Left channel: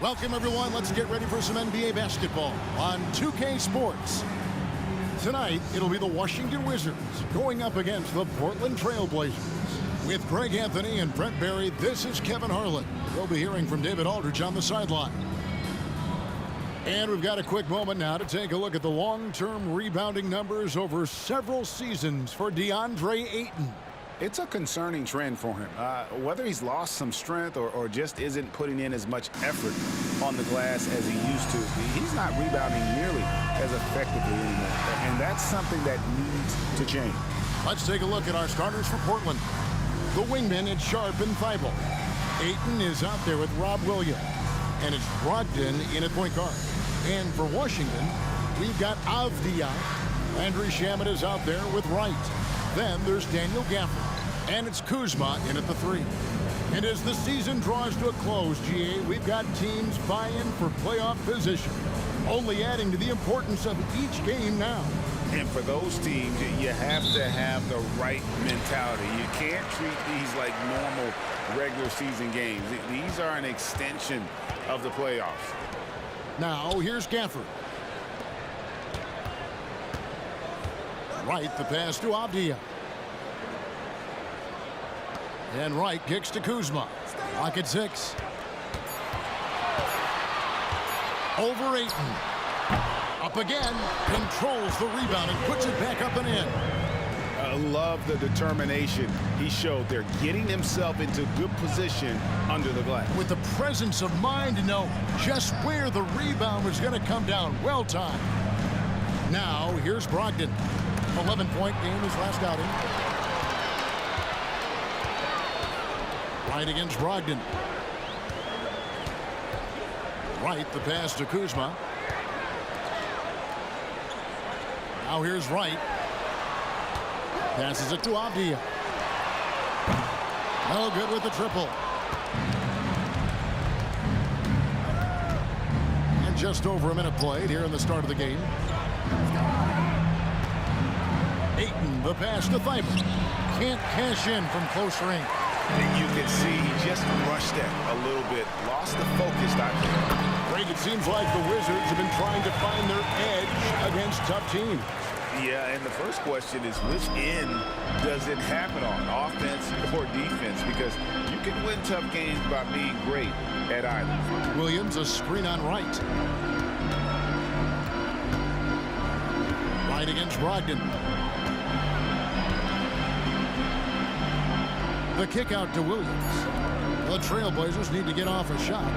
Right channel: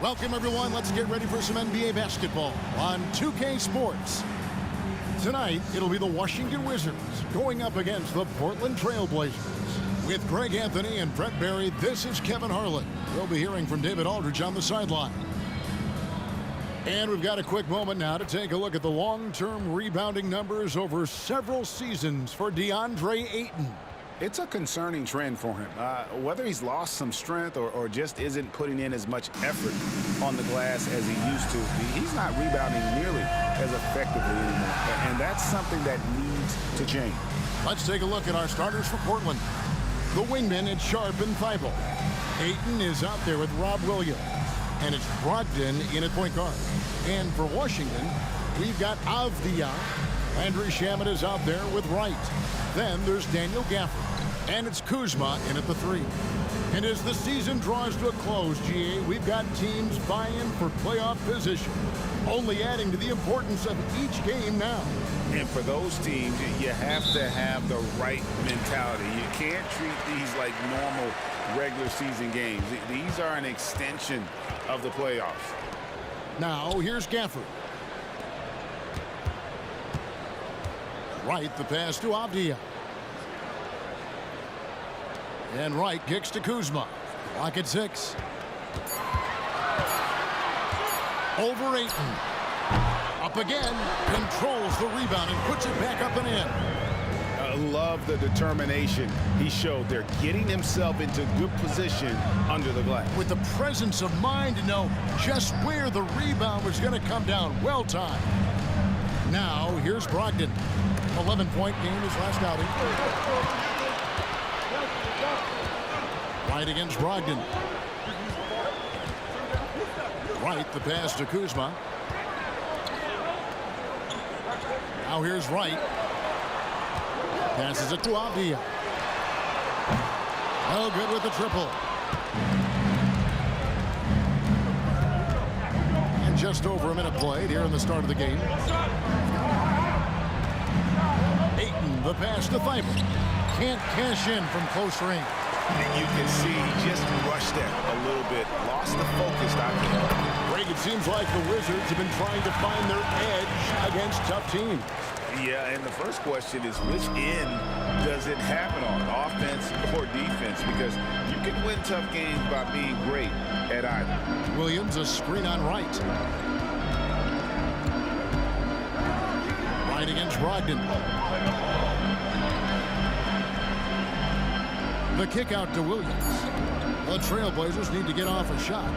Welcome, everyone. Let's get ready for some NBA basketball on 2K Sports. Tonight, it'll be the Washington Wizards going up against the Portland Trailblazers. With Greg Anthony and Brett Barry, this is Kevin Harlan. We'll be hearing from David Aldridge on the sideline. And we've got a quick moment now to take a look at the long-term rebounding numbers over several seasons for DeAndre Ayton. It's a concerning trend for him. Whether he's lost some strength or just isn't putting in as much effort on the glass as he used to, he's not rebounding nearly as effectively anymore. And that's something that needs to change. Let's take a look at our starters for Portland. The wingmen, it's Sharp and Thibault. Ayton is out there with Rob Williams. And it's Brogdon in at point guard. And for Washington, we've got Avdia. Landry Shamet is out there with Wright. Then there's Daniel Gafford. And it's Kuzma in at the 3. And as the season draws to a close, GA, we've got teams vying for playoff position, only adding to the importance of each game now. And for those teams, you have to have the right mentality. You can't treat these like normal regular season games. These are an extension of the playoffs. Now, here's Gafford. Wright, the pass to Avdia. And Wright kicks to Kuzma. Lock at 6. Over Ayton. Up again. Controls the rebound and puts it back up and in. I love the determination he showed there, getting himself into good position under the glass. With the presence of mind to know just where the rebound was going to come down. Well timed. Now, here's Brogdon. 11-point game his last outing. Wright against Brogdon. Wright, the pass to Kuzma. Now here's Wright. Passes it to Avdia. No good with the triple. And just over a minute played here in the start of the game. Ayton, the pass to Thibault. Can't cash in from close range. And you can see he just rushed it a little bit. Lost the focus, I think. Greg, it seems like the Wizards have been trying to find their edge against tough teams. Yeah, and the first question is, which end does it happen on, offense or defense? Because you can win tough games by being great at either. Williams, a screen on Wright. Wright against Brogdon. The kick out to Williams. The Trailblazers need to get off a shot.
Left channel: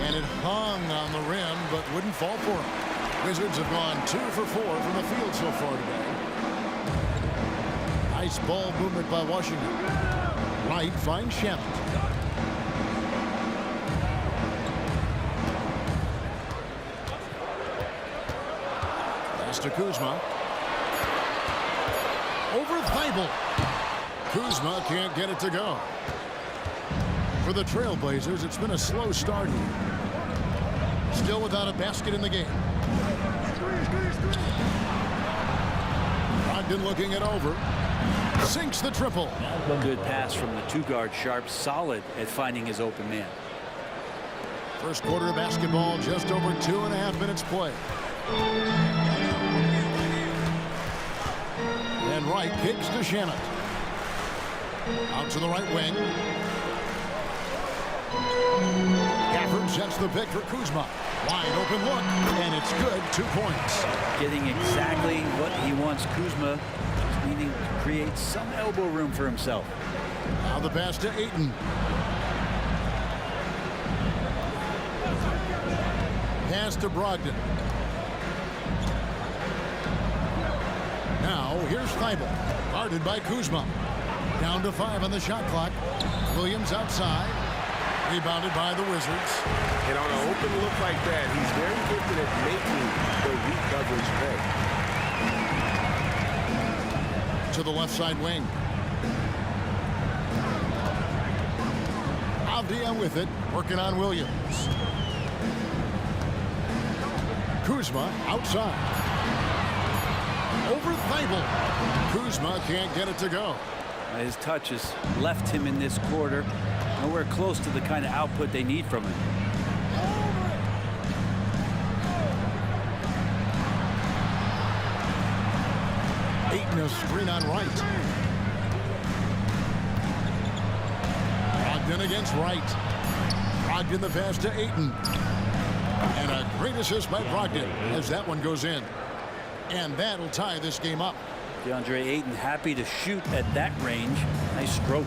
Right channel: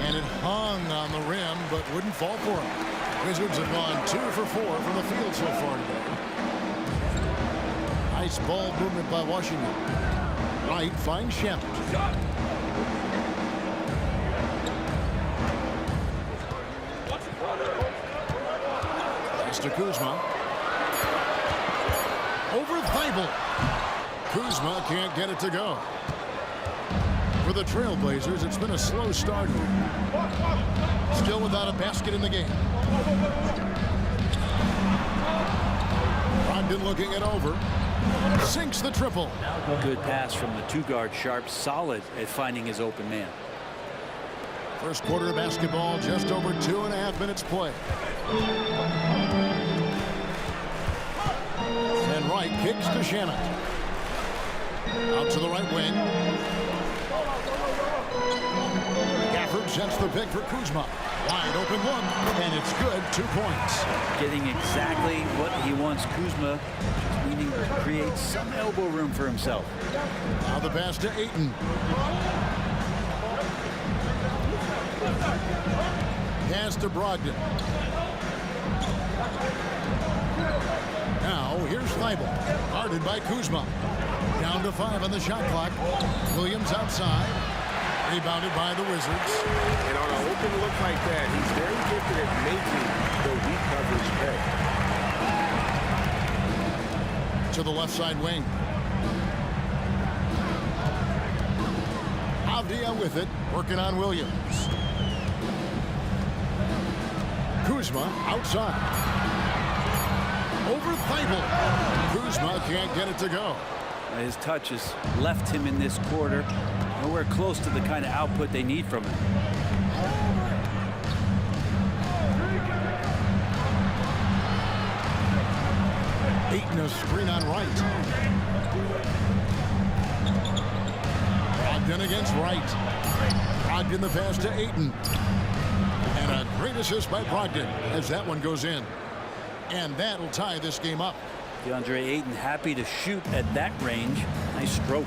And it hung on the rim, but wouldn't fall for him. Wizards have gone 2 for 4 from the field so far today. Nice ball movement by Washington. Wright finds Shamet. Pass to Kuzma. Over Thibault. Kuzma can't get it to go. For the Trailblazers, it's been a slow start here. Still without a basket in the game. Brogdon looking it over. Sinks the triple. Good pass from the 2-guard Sharp. Solid at finding his open man. First quarter of basketball, just over 2.5 minutes play. And Wright kicks to Shamet. Out to the right wing. Gafford sets the pick for Kuzma. Wide open look, and it's good. 2 points. Getting exactly what he wants. Kuzma just needing to create some elbow room for himself. Now the pass to Ayton. Pass to Brogdon. Now here's Thibault. Guarded by Kuzma. Down to 5 on the shot clock. Williams outside. Rebounded by the Wizards. And on an open look like that, he's very gifted at making the weak coverage pay. To the left side wing. Avdia with it, working on Williams. Kuzma outside. Over Thibault. Kuzma can't get it to go. His touch has left him in this quarter. Nowhere close to the kind of output they need from him. Ayton a screen on Wright. Brogdon against Wright. Brogdon the pass to Ayton. And a great assist by Brogdon as that one goes in. And that'll tie this game up. DeAndre Ayton happy to shoot at that range. Nice stroke.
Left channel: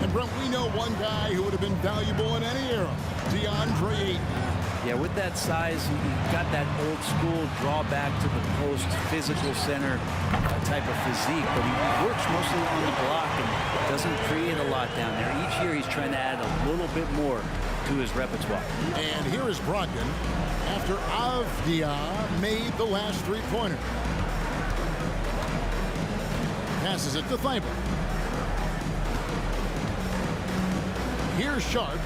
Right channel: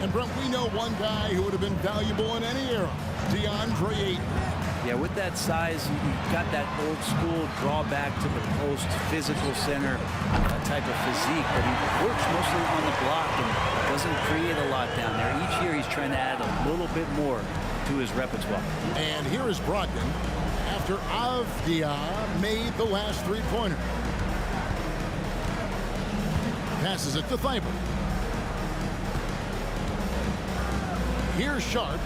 And Brent, we know one guy who would have been valuable in any era, DeAndre Ayton. Yeah, with that size, you got that old school drawback to the post, physical center type of physique, but he works mostly on the block and doesn't create a lot down there. Each year he's trying to add a little bit more to his repertoire. And here is Brogdon after Avdia made the last three-pointer. Passes it to Thibault. Here's Sharp.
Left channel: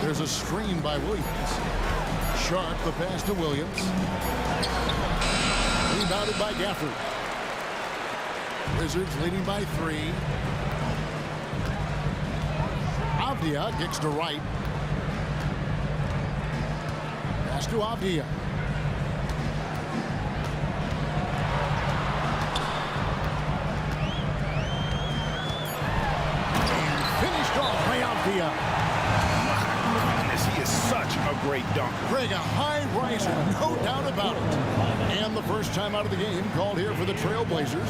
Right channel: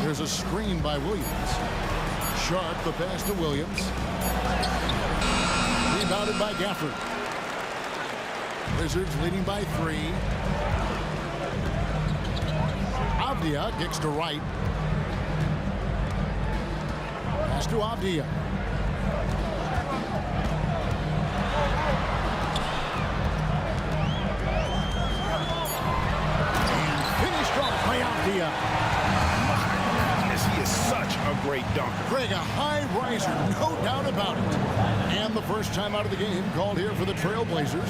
There's a screen by Williams. Sharp the pass to Williams. Rebounded by Gafford. Wizards leading by 3. Avdia kicks to Wright. Pass to Avdia. Off by Avdia. My goodness, he is such a great dunker. Greg, a high riser, no doubt about it. And the first time out of the game called here for the Trailblazers.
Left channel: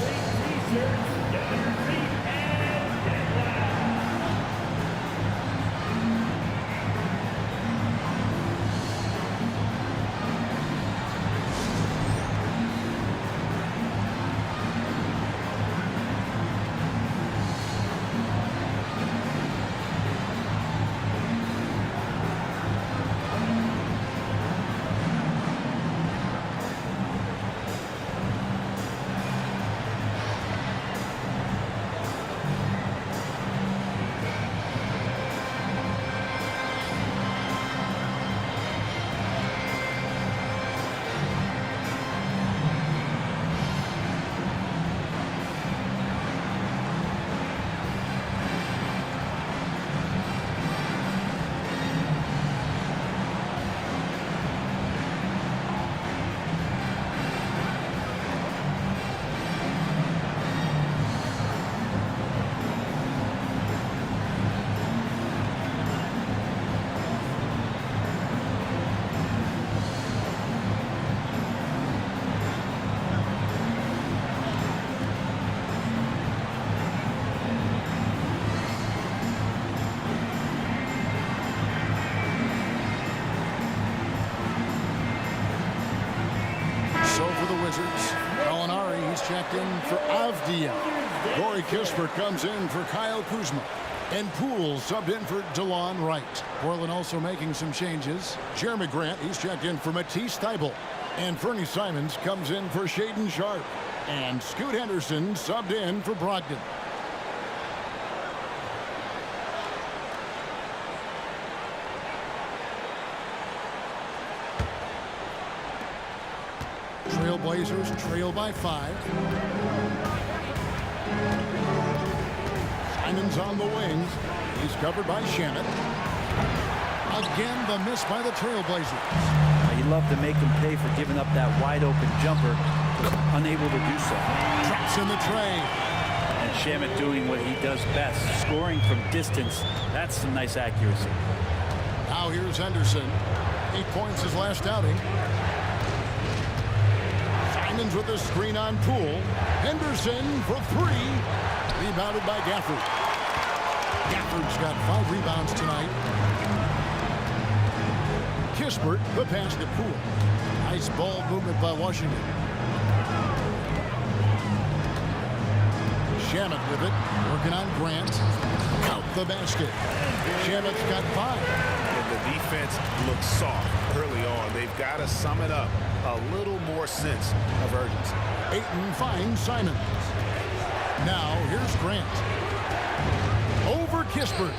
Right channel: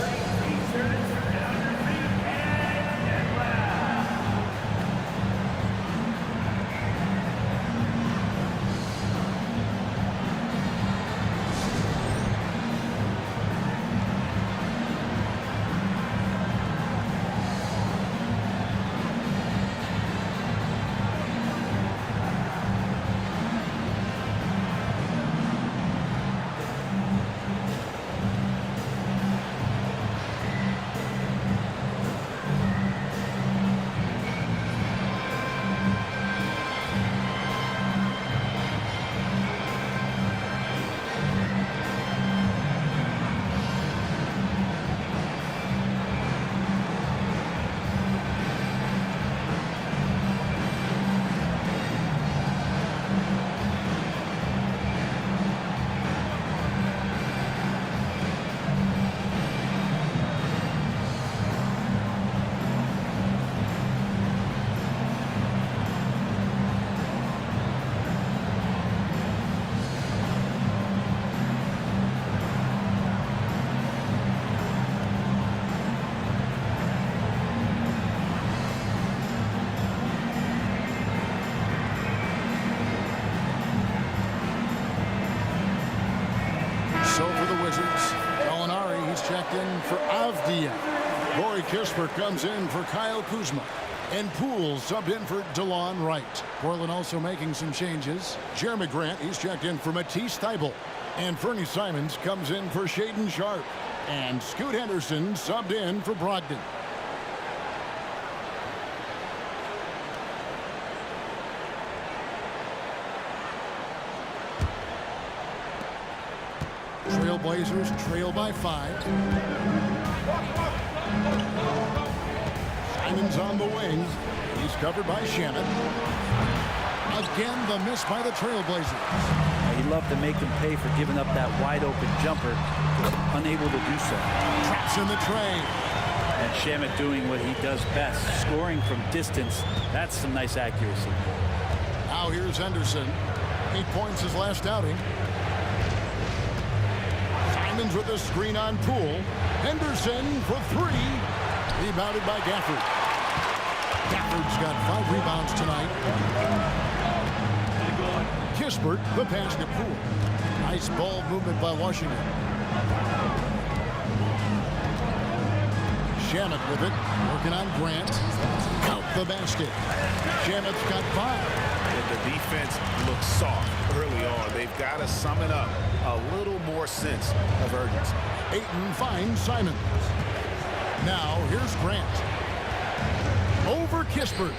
So for the Wizards, Gallinari, he's checked in for Avdia. Corey Kispert comes in for Kyle Kuzma. And Poole subbed in for DeLon Wright. Portland also making some changes. Jeremy Grant, he's checked in for Matisse Thybulle. And Fernie Simons comes in for Shaedon Sharpe. And Scoot Henderson subbed in for Brogdon. Trailblazers trail by 5. Simons on the wing. He's covered by Shamet. Again, the miss by the Trailblazers. He'd love to make them pay for giving up that wide open jumper. Just unable to do so. Traps in the tray. And Shamet doing what he does best, scoring from distance. That's some nice accuracy. Now here's Henderson. 8 points his last outing. Simons with a screen on Poole. Henderson for 3. Rebounded by Gafford. Gafford's got 5 rebounds tonight. Kispert, the pass to Poole. Nice ball movement by Washington. Shamet with it, working on Grant. Count the basket. Shamet's got 5. And the defense looks soft early on. They've got to sum it up. A little more sense of urgency. Ayton finds Simons. Now here's Grant. Over Kispert.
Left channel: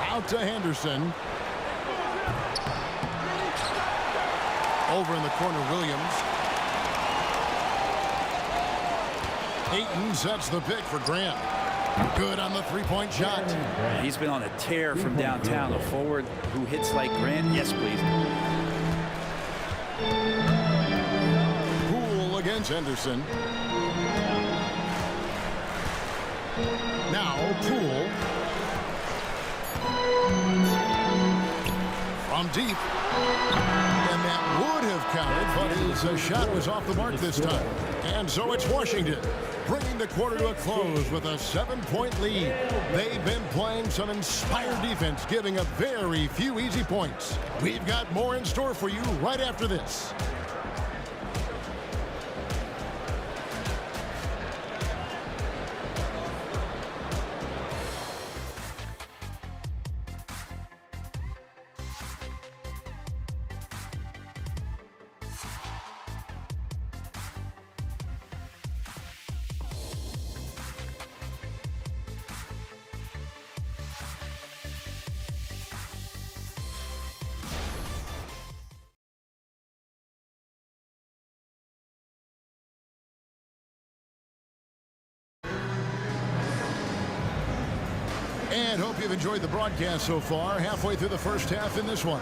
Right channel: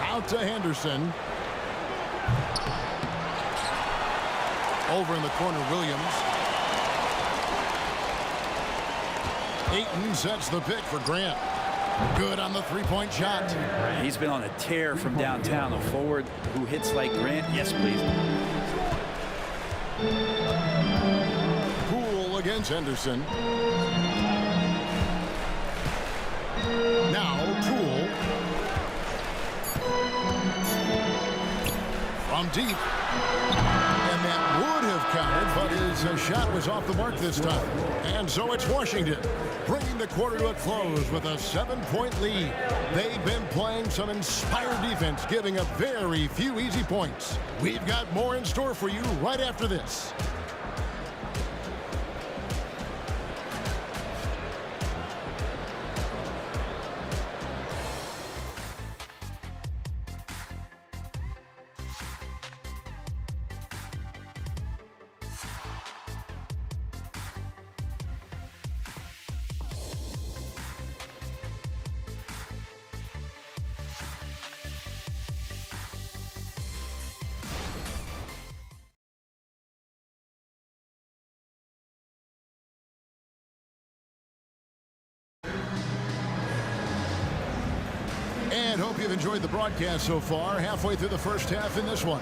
Out to Henderson. Over in the corner, Williams. Ayton sets the pick for Grant. Good on the three-point shot. He's been on a tear from downtown. A forward who hits like Grant. Yes, please. Poole against Henderson. Now Poole. From deep. And that would have counted, but his shot was off the mark this time. And so it's Washington, bringing the quarter to a close with a 7-point lead. They've been playing some inspired defense, giving up very few easy points. We've got more in store for you right after this. And hope you've enjoyed the broadcast so far. Halfway through the first half in this one.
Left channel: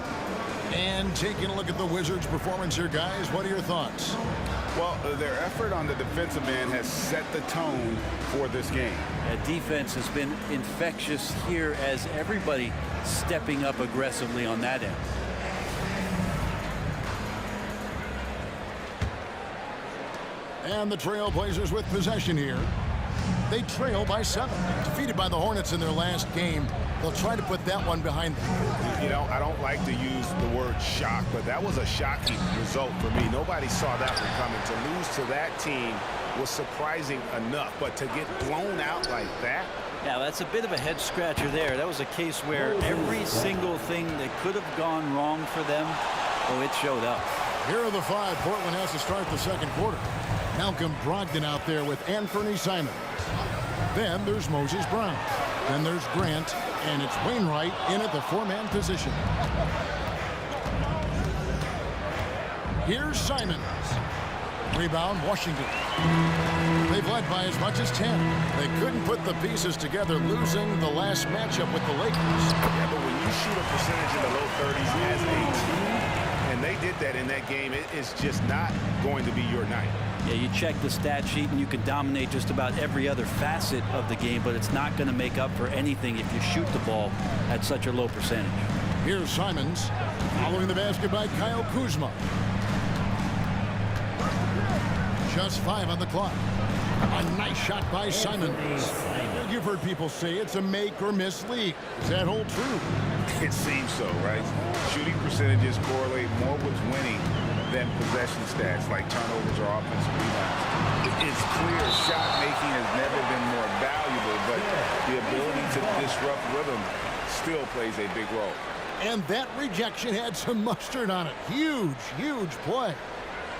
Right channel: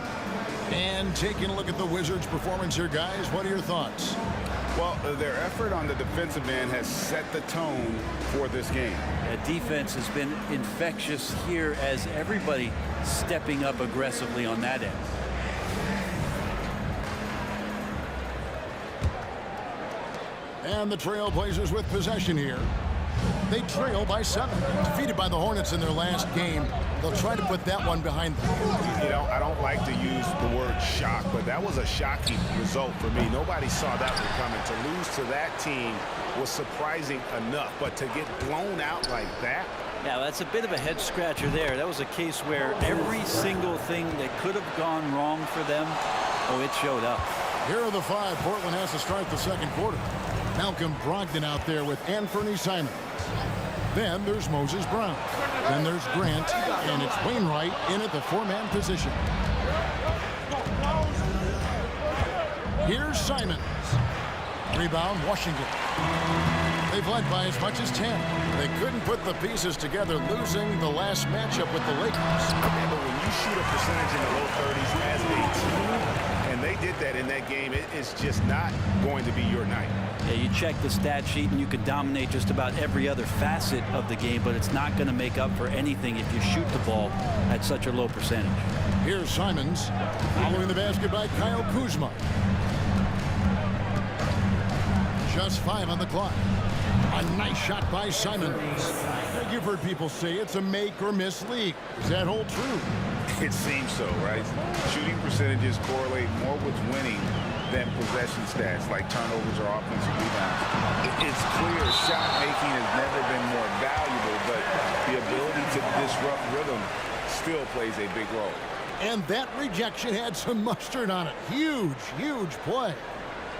And taking a look at the Wizards' performance here, guys, what are your thoughts? Well, their effort on the defensive end has set the tone for this game. Defense has been infectious here as everybody stepping up aggressively on that end. And the Trailblazers with possession here. They trail by 7. Defeated by the Hornets in their last game. They'll try to put that one behind them. You know, I don't like to use the word shock, but that was a shocking result for me. Nobody saw that one coming. To lose to that team was surprising enough, but to get blown out like that? Yeah, that's a bit of a head scratcher there. That was a case where every single thing that could have gone wrong for them, oh, it showed up. Here are the 5 Portland has to start the second quarter. Malcolm Brogdon out there with Anthony Simons. Then there's Moses Brown. Then there's Grant, and it's Wainwright in at the 4-man position. Here's Simons. Rebound, Washington. They've led by as much as 10. They couldn't put the pieces together, losing the last matchup with the Lakers. Yeah, but when you shoot a percentage in the low 30s as a team, and they did that in that game, it is just not going to be your night. Yeah, you check the stat sheet and you can dominate just about every other facet of the game, but it's not going to make up for anything if you shoot the ball at such a low percentage. Here's Simons following the basket by Kyle Kuzma. Just 5 on the clock. A nice shot by Simons. You've heard people say it's a make or miss league. Does that hold true? It seems so, right? Shooting percentages correlate more with winning than possession stats like turnovers or offensive rebounds. It's clear shot making has never been more valuable, but the ability to disrupt rhythm still plays a big role. And that rejection had some mustard on it. Huge, huge play.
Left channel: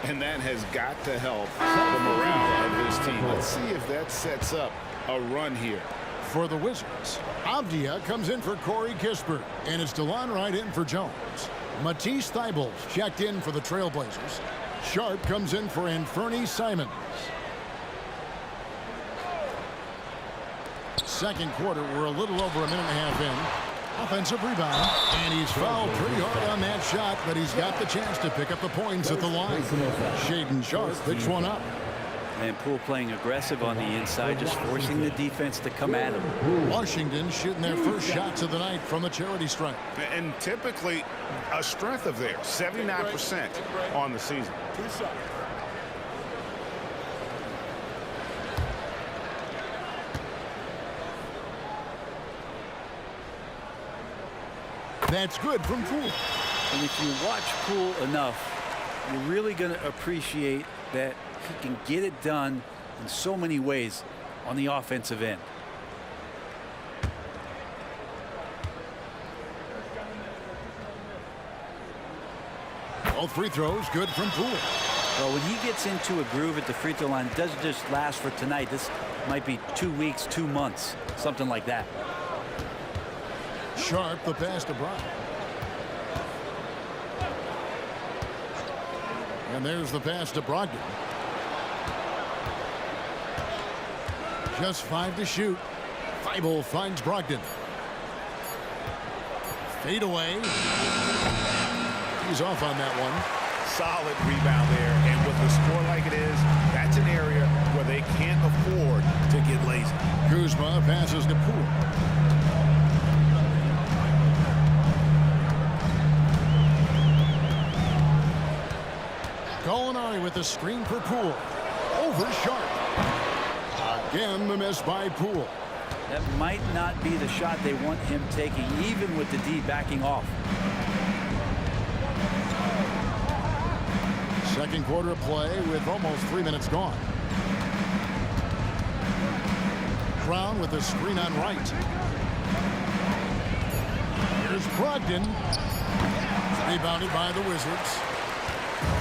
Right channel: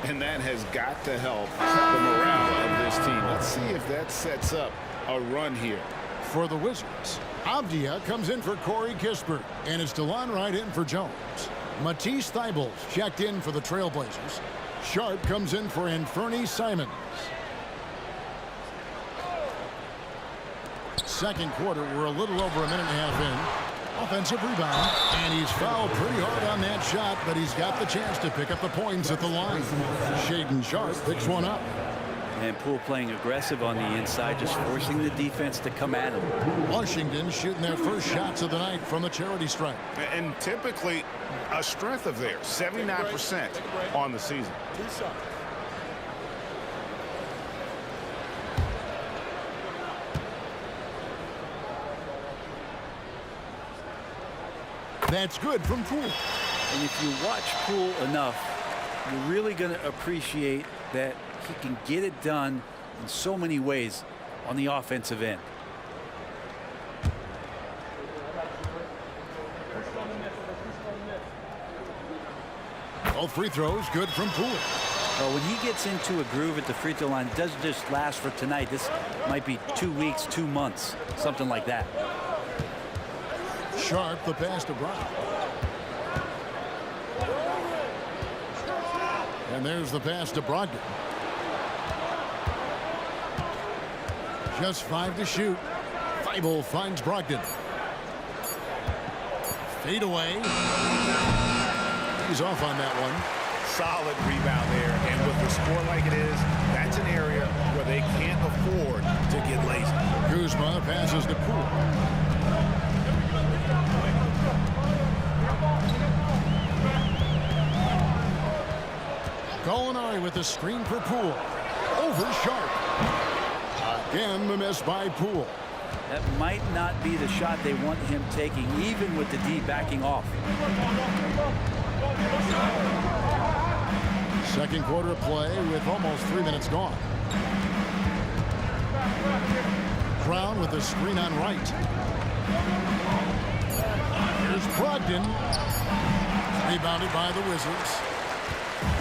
And that has got to help the morale of this team. Let's see if that sets up a run here. For the Wizards, Avdia comes in for Corey Kispert, and it's DeLon Wright in for Jones. Matisse Thybulle checked in for the Trailblazers. Sharp comes in for Anthony Simons. Second quarter, we're a little over a minute and a half in. Offensive rebound, and he's fouled pretty hard on that shot, but he's got the chance to pick up the points at the line. Shaedon Sharp picks one up. And Poole playing aggressive on the inside, just forcing the defense to come at him. Washington shooting their first shots of the night from the charity stripe. And typically a strength of theirs, 79% on the season. That's good from Poole. And if you watch Poole enough, you're really going to appreciate that he can get it done in so many ways on the offensive end. Both free throws good from Poole. Well, when he gets into a groove at the free throw line, it doesn't just last for tonight. This might be 2 weeks, 2 months, something like that. Sharp the pass to Brown. And there's the pass to Brogdon. Just 5 to shoot. Thibault finds Brogdon. Fade away. He's off on that one. Solid rebound there, and with a score like it is, that's an area where they can't afford to get lazy. Kuzma passes to Poole. Gallinari with the screen for Poole. Over Sharp. Again, the miss by Poole. That might not be the shot they want him taking, even with the D backing off. Second quarter of play with almost 3 minutes gone. Brown with the screen on right. Here's Brogdon. Rebounded by the Wizards.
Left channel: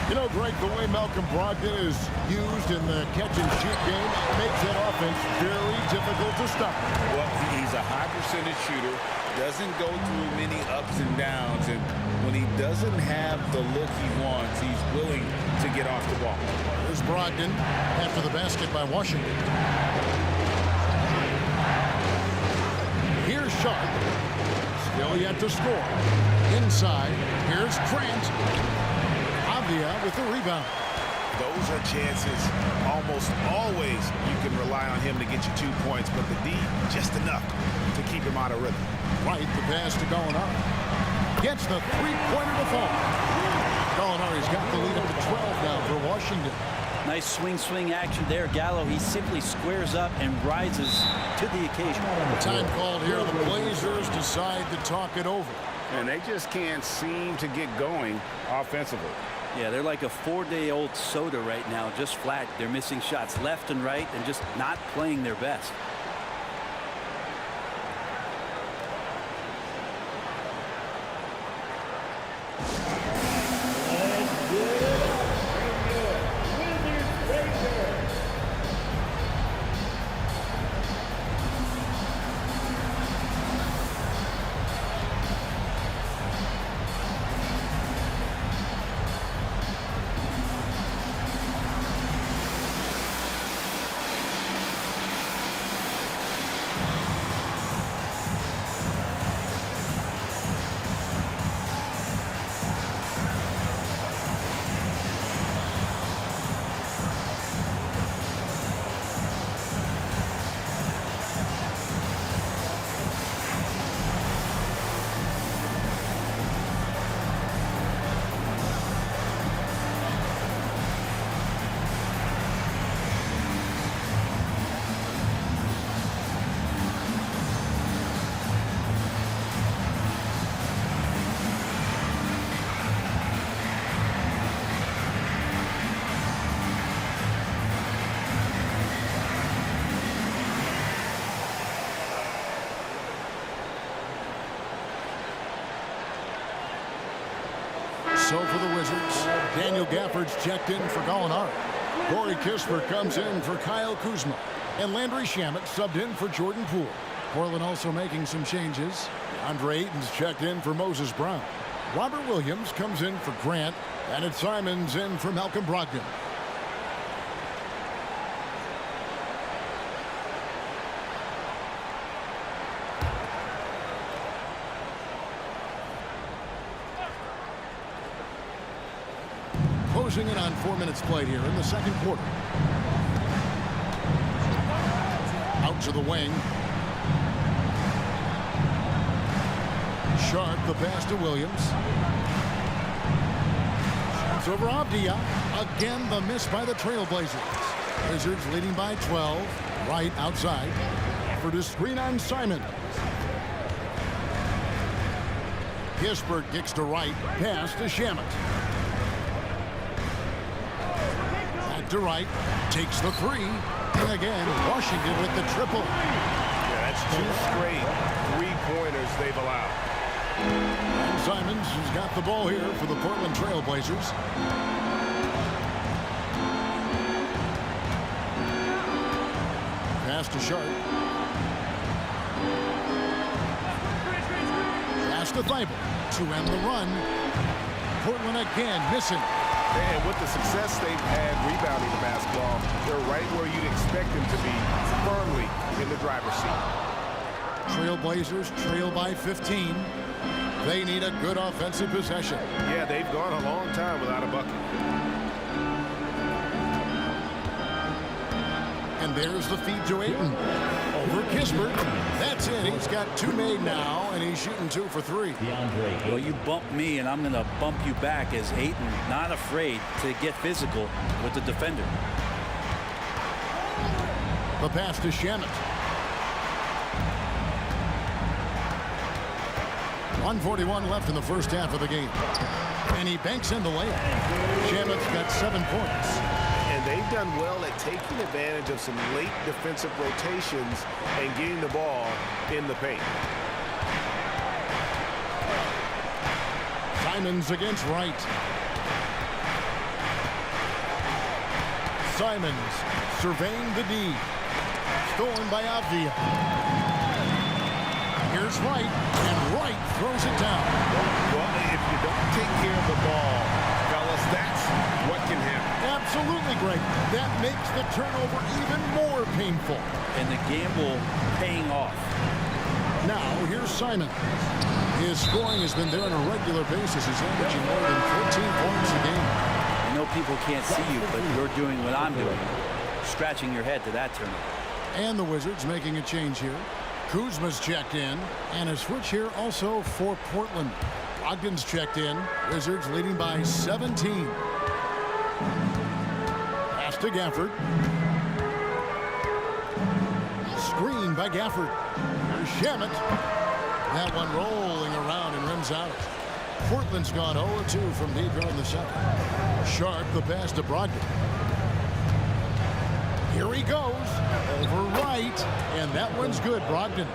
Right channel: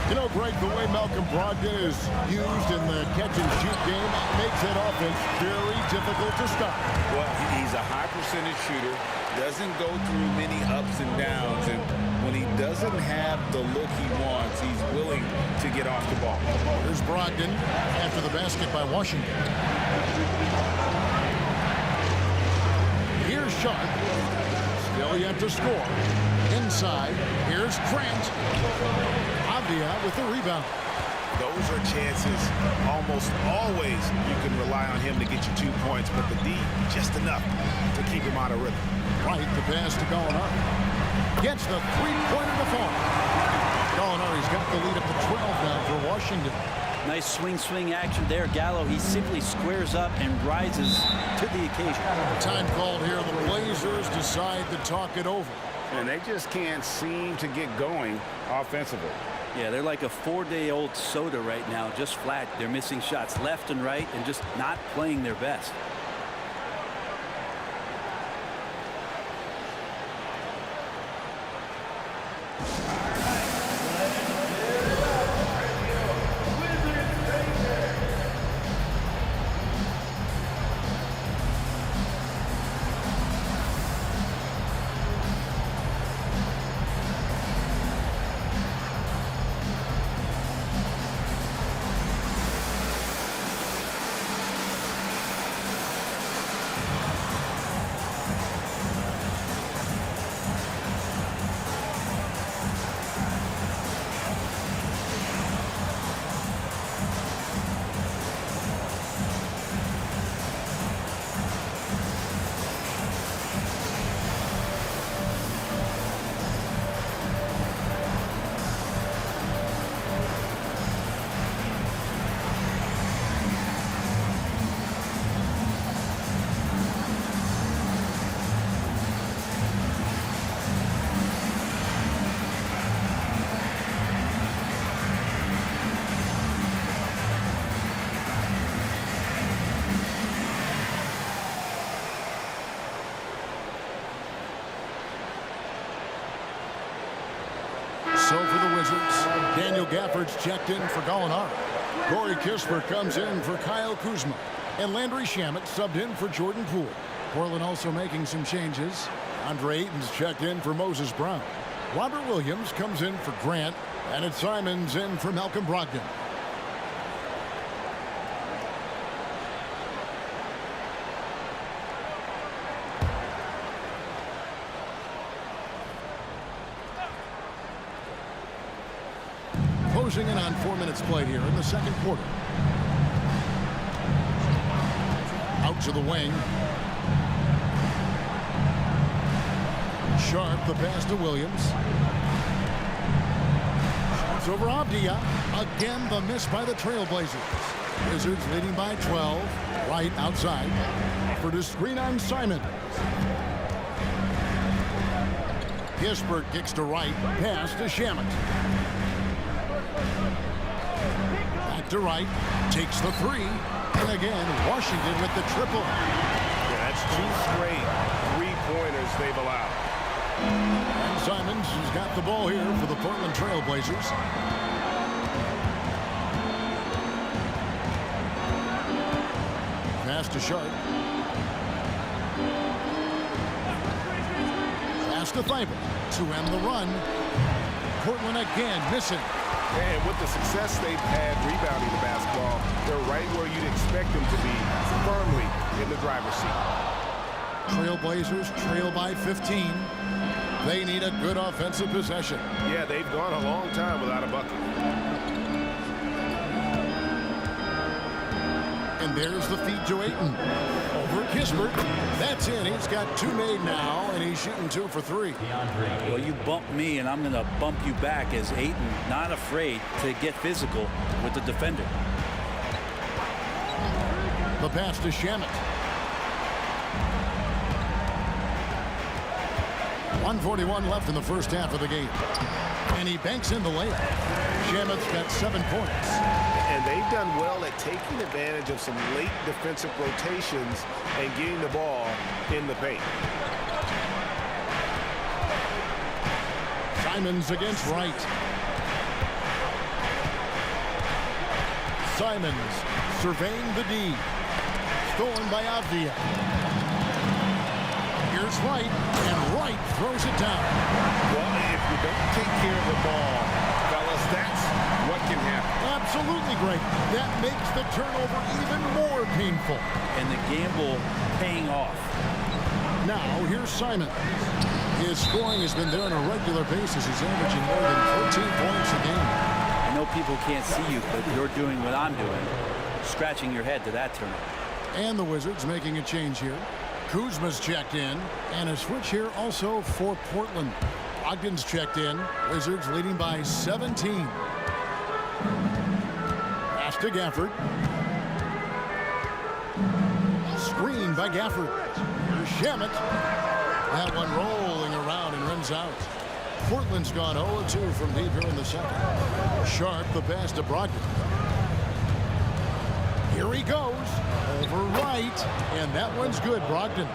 You know, Greg, the way Malcolm Brogdon is used in the catch-and-shoot game, it makes that offense very difficult to stop. Well, he's a high percentage shooter, doesn't go through many ups and downs, and when he doesn't have the look he wants, he's willing to get off the ball. Here's Brogdon after the basket by Washington. Here's Sharp. Still yet to score. Inside, here's Grant. Avdia with the rebound. Those are chances. Almost always you can rely on him to get you 2 points, but the D, just enough to keep him out of rhythm. Right, the pass to Gallinari. Gets the three-pointer to fall. Gallinari's got the lead up to 12 now for Washington. Nice swing action there. Gallo, he simply squares up and rises to the occasion. Time called here. The Blazers decide to talk it over. And they just can't seem to get going offensively. Yeah, they're like a 4-day-old soda right now, just flat. They're missing shots left and right and just not playing their best. So for the Wizards, Daniel Gafford's checked in for Gallinari. Corey Kispert comes in for Kyle Kuzma. And Landry Shamet subbed in for Jordan Poole. Portland also making some changes. Andre Ayton's checked in for Moses Brown. Robert Williams comes in for Grant. And it's Simons in for Malcolm Brogdon. Closing in on 4 minutes played here in the second quarter. Out to the wing. Sharp, the pass to Williams. Shoots over Avdia. Again, the miss by the Trailblazers. Wizards leading by 12. Right outside. For the screen on Simon. Kispert kicks to right. Pass to Shamet. To right, takes the three, and again, Washington with the triple. Yeah, that's 2 straight three-pointers they've allowed. And Simons has got the ball here for the Portland Trailblazers. Pass to Sharp. Pass to Thibault to end the run. Portland again missing. And with the success they've had rebounding the basketball, they're right where you'd expect them to be, firmly in the driver's seat. Trailblazers trail by 15. They need a good offensive possession. Yeah, they've gone a long time without a bucket. And there's the feed to Ayton. Over Kispert. That's in. He's got 2 made now, and he's shooting 2 for 3. Well, you bump me, and I'm going to bump you back as Ayton not afraid to get physical with the defender. The pass to Shamet. 1:41 left in the first half of the game. And he banks in the layup. Shamet's got 7 points. And they've done well at taking advantage of some late defensive rotations and getting the ball in the paint. Simons against Wright. Simons surveying the D. Stolen by Avdia. Here's Wright, and Wright throws it down. Well, if you don't take care of the ball, fellas, that's what can happen. Absolutely great. That makes the turnover even more painful. And the gamble paying off. Now, here's Simons. His scoring has been there on a regular basis. He's averaging more than 14 points a game. I know people can't see you, but you're doing what I'm doing, scratching your head to that turnover. And the Wizards making a change here. Kuzma's checked in, and a switch here also for Portland. Brogdon's checked in. Wizards leading by 17. Pass to Gafford. Screen by Gafford. Here's Shamet. That one rolling around and rims out. Portland's gone 0-2 from deep here in the second. Sharp the pass to Brogdon. Here he goes. Over Wright. And that one's good, Brogdon.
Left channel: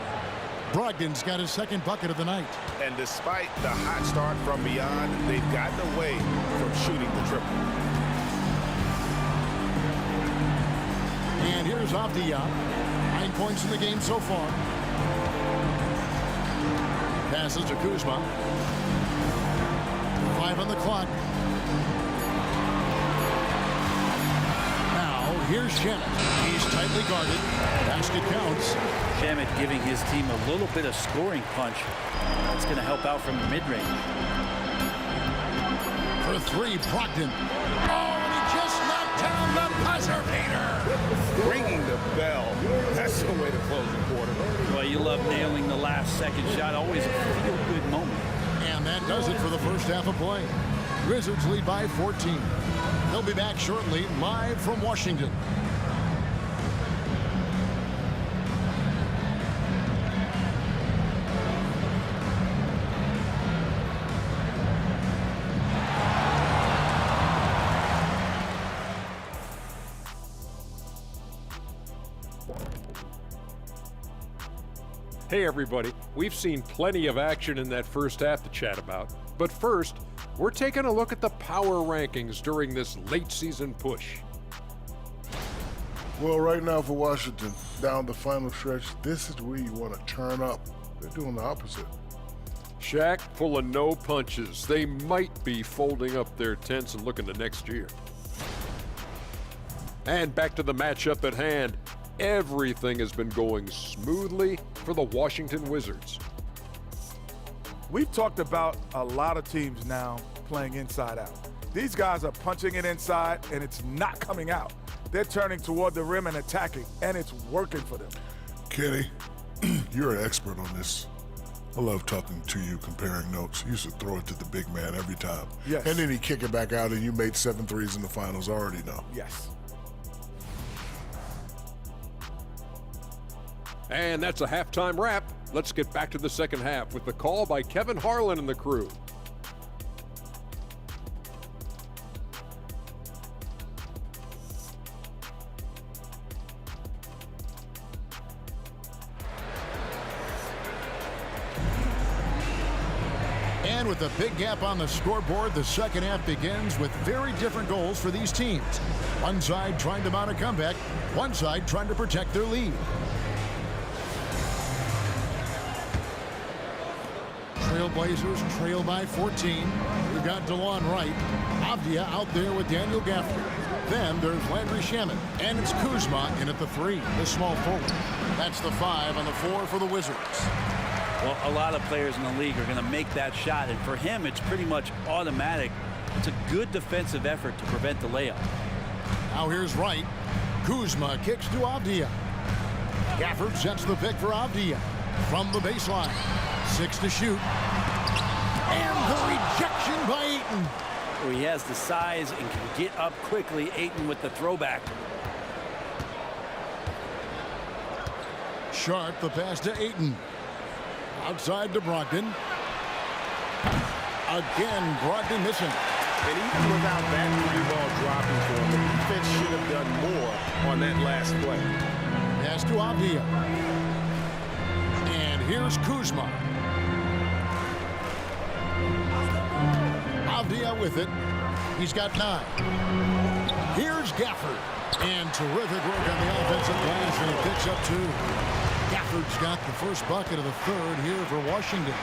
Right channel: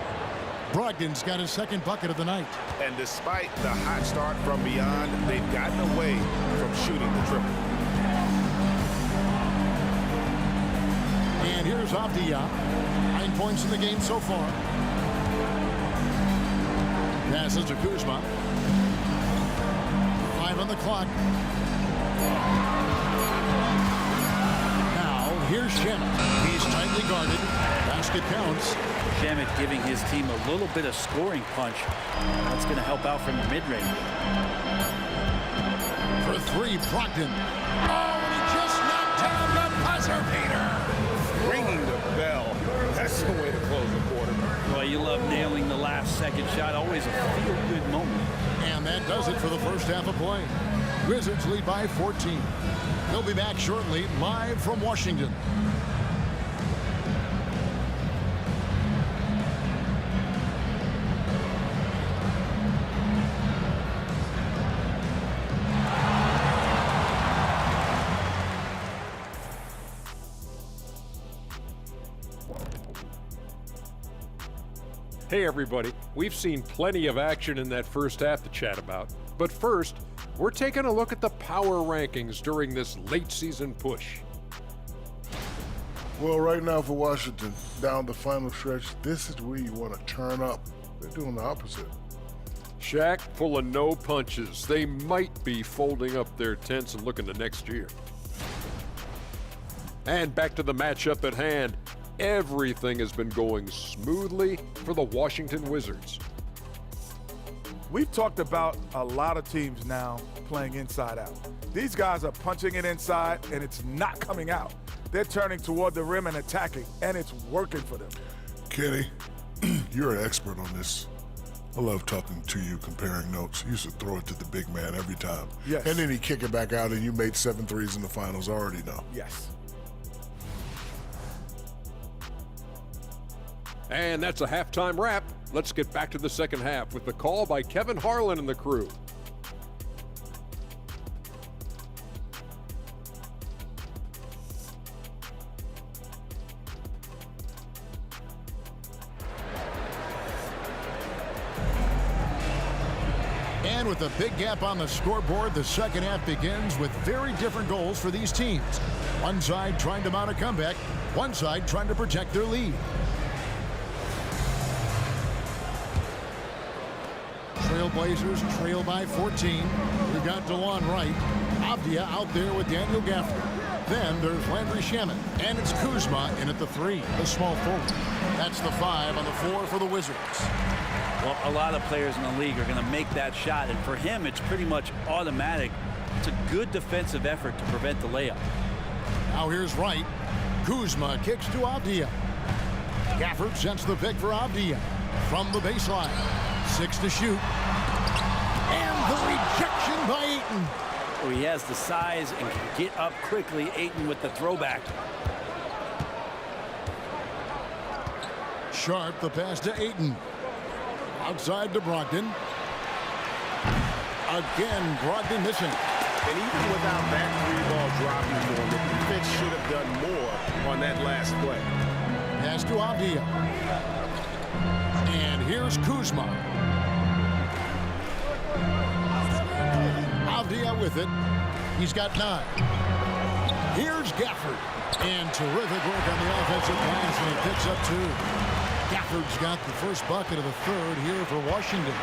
Brogdon's got his second bucket of the night. And despite the hot start from beyond, they've gotten away from shooting the triple. And here's Avdia. 9 points in the game so far. Passes to Kuzma. 5 on the clock. Now, here's Shamet. He's tightly guarded. Basket counts. Shamet giving his team a little bit of scoring punch. That's going to help out from the mid-range. For 3, Brogdon. Oh, and he just knocked down the buzzer beater. Ringing the bell. That's the way to close the quarter. Well, you love nailing the last second shot. Always a feel-good moment. And that does it for the first half of play. Wizards lead by 14. They'll be back shortly, live from Washington. Hey everybody, we've seen plenty of action in that first half to chat about. But first, we're taking a look at the power rankings during this late season push. Well, right now for Washington, down the final stretch, this is where you want to turn up. They're doing the opposite. Shaq full of no punches. They might be folding up their tents and looking to next year. And back to the matchup at hand. Everything has been going smoothly for the Washington Wizards. We've talked about a lot of teams now playing inside out. These guys are punching it inside, and it's not coming out. They're turning toward the rim and attacking, and it's working for them. Kenny, you're an expert on this. I love talking to you, comparing notes. You used to throw it to the big man every time. Yes. And then he'd kick it back out, and you made 7 threes in the finals. I already know. Yes. And that's a halftime wrap. Let's get back to the second half with the call by Kevin Harlan and the crew. And with a big gap on the scoreboard, the second half begins with very different goals for these teams. One side trying to mount a comeback, one side trying to protect their lead. Trailblazers trail by 14. We've got DeLon Wright. Avdia out there with Daniel Gafford. Then there's Landry Shamet, and it's Kuzma in at the 3, the small forward. That's the 5 on the floor for the Wizards. Well, a lot of players in the league are going to make that shot, and for him, it's pretty much automatic. It's a good defensive effort to prevent the layup. Now here's Wright. Kuzma kicks to Avdia. Gafford sets the pick for Avdia from the baseline. 6 to shoot. And the rejection by Ayton. Oh, he has the size and can get up quickly. Ayton with the throwback. Sharp the pass to Ayton. Outside to Brogdon. Again, Brogdon missing. And even without that 3-ball dropping for him, the defense should have done more on that last play. Pass to Avdia. And here's Kuzma. Avdia with it. He's got 9. Here's Gafford. And terrific work on the offensive glass, and he picks up 2. Gafford's got the first bucket of the 3rd here for Washington.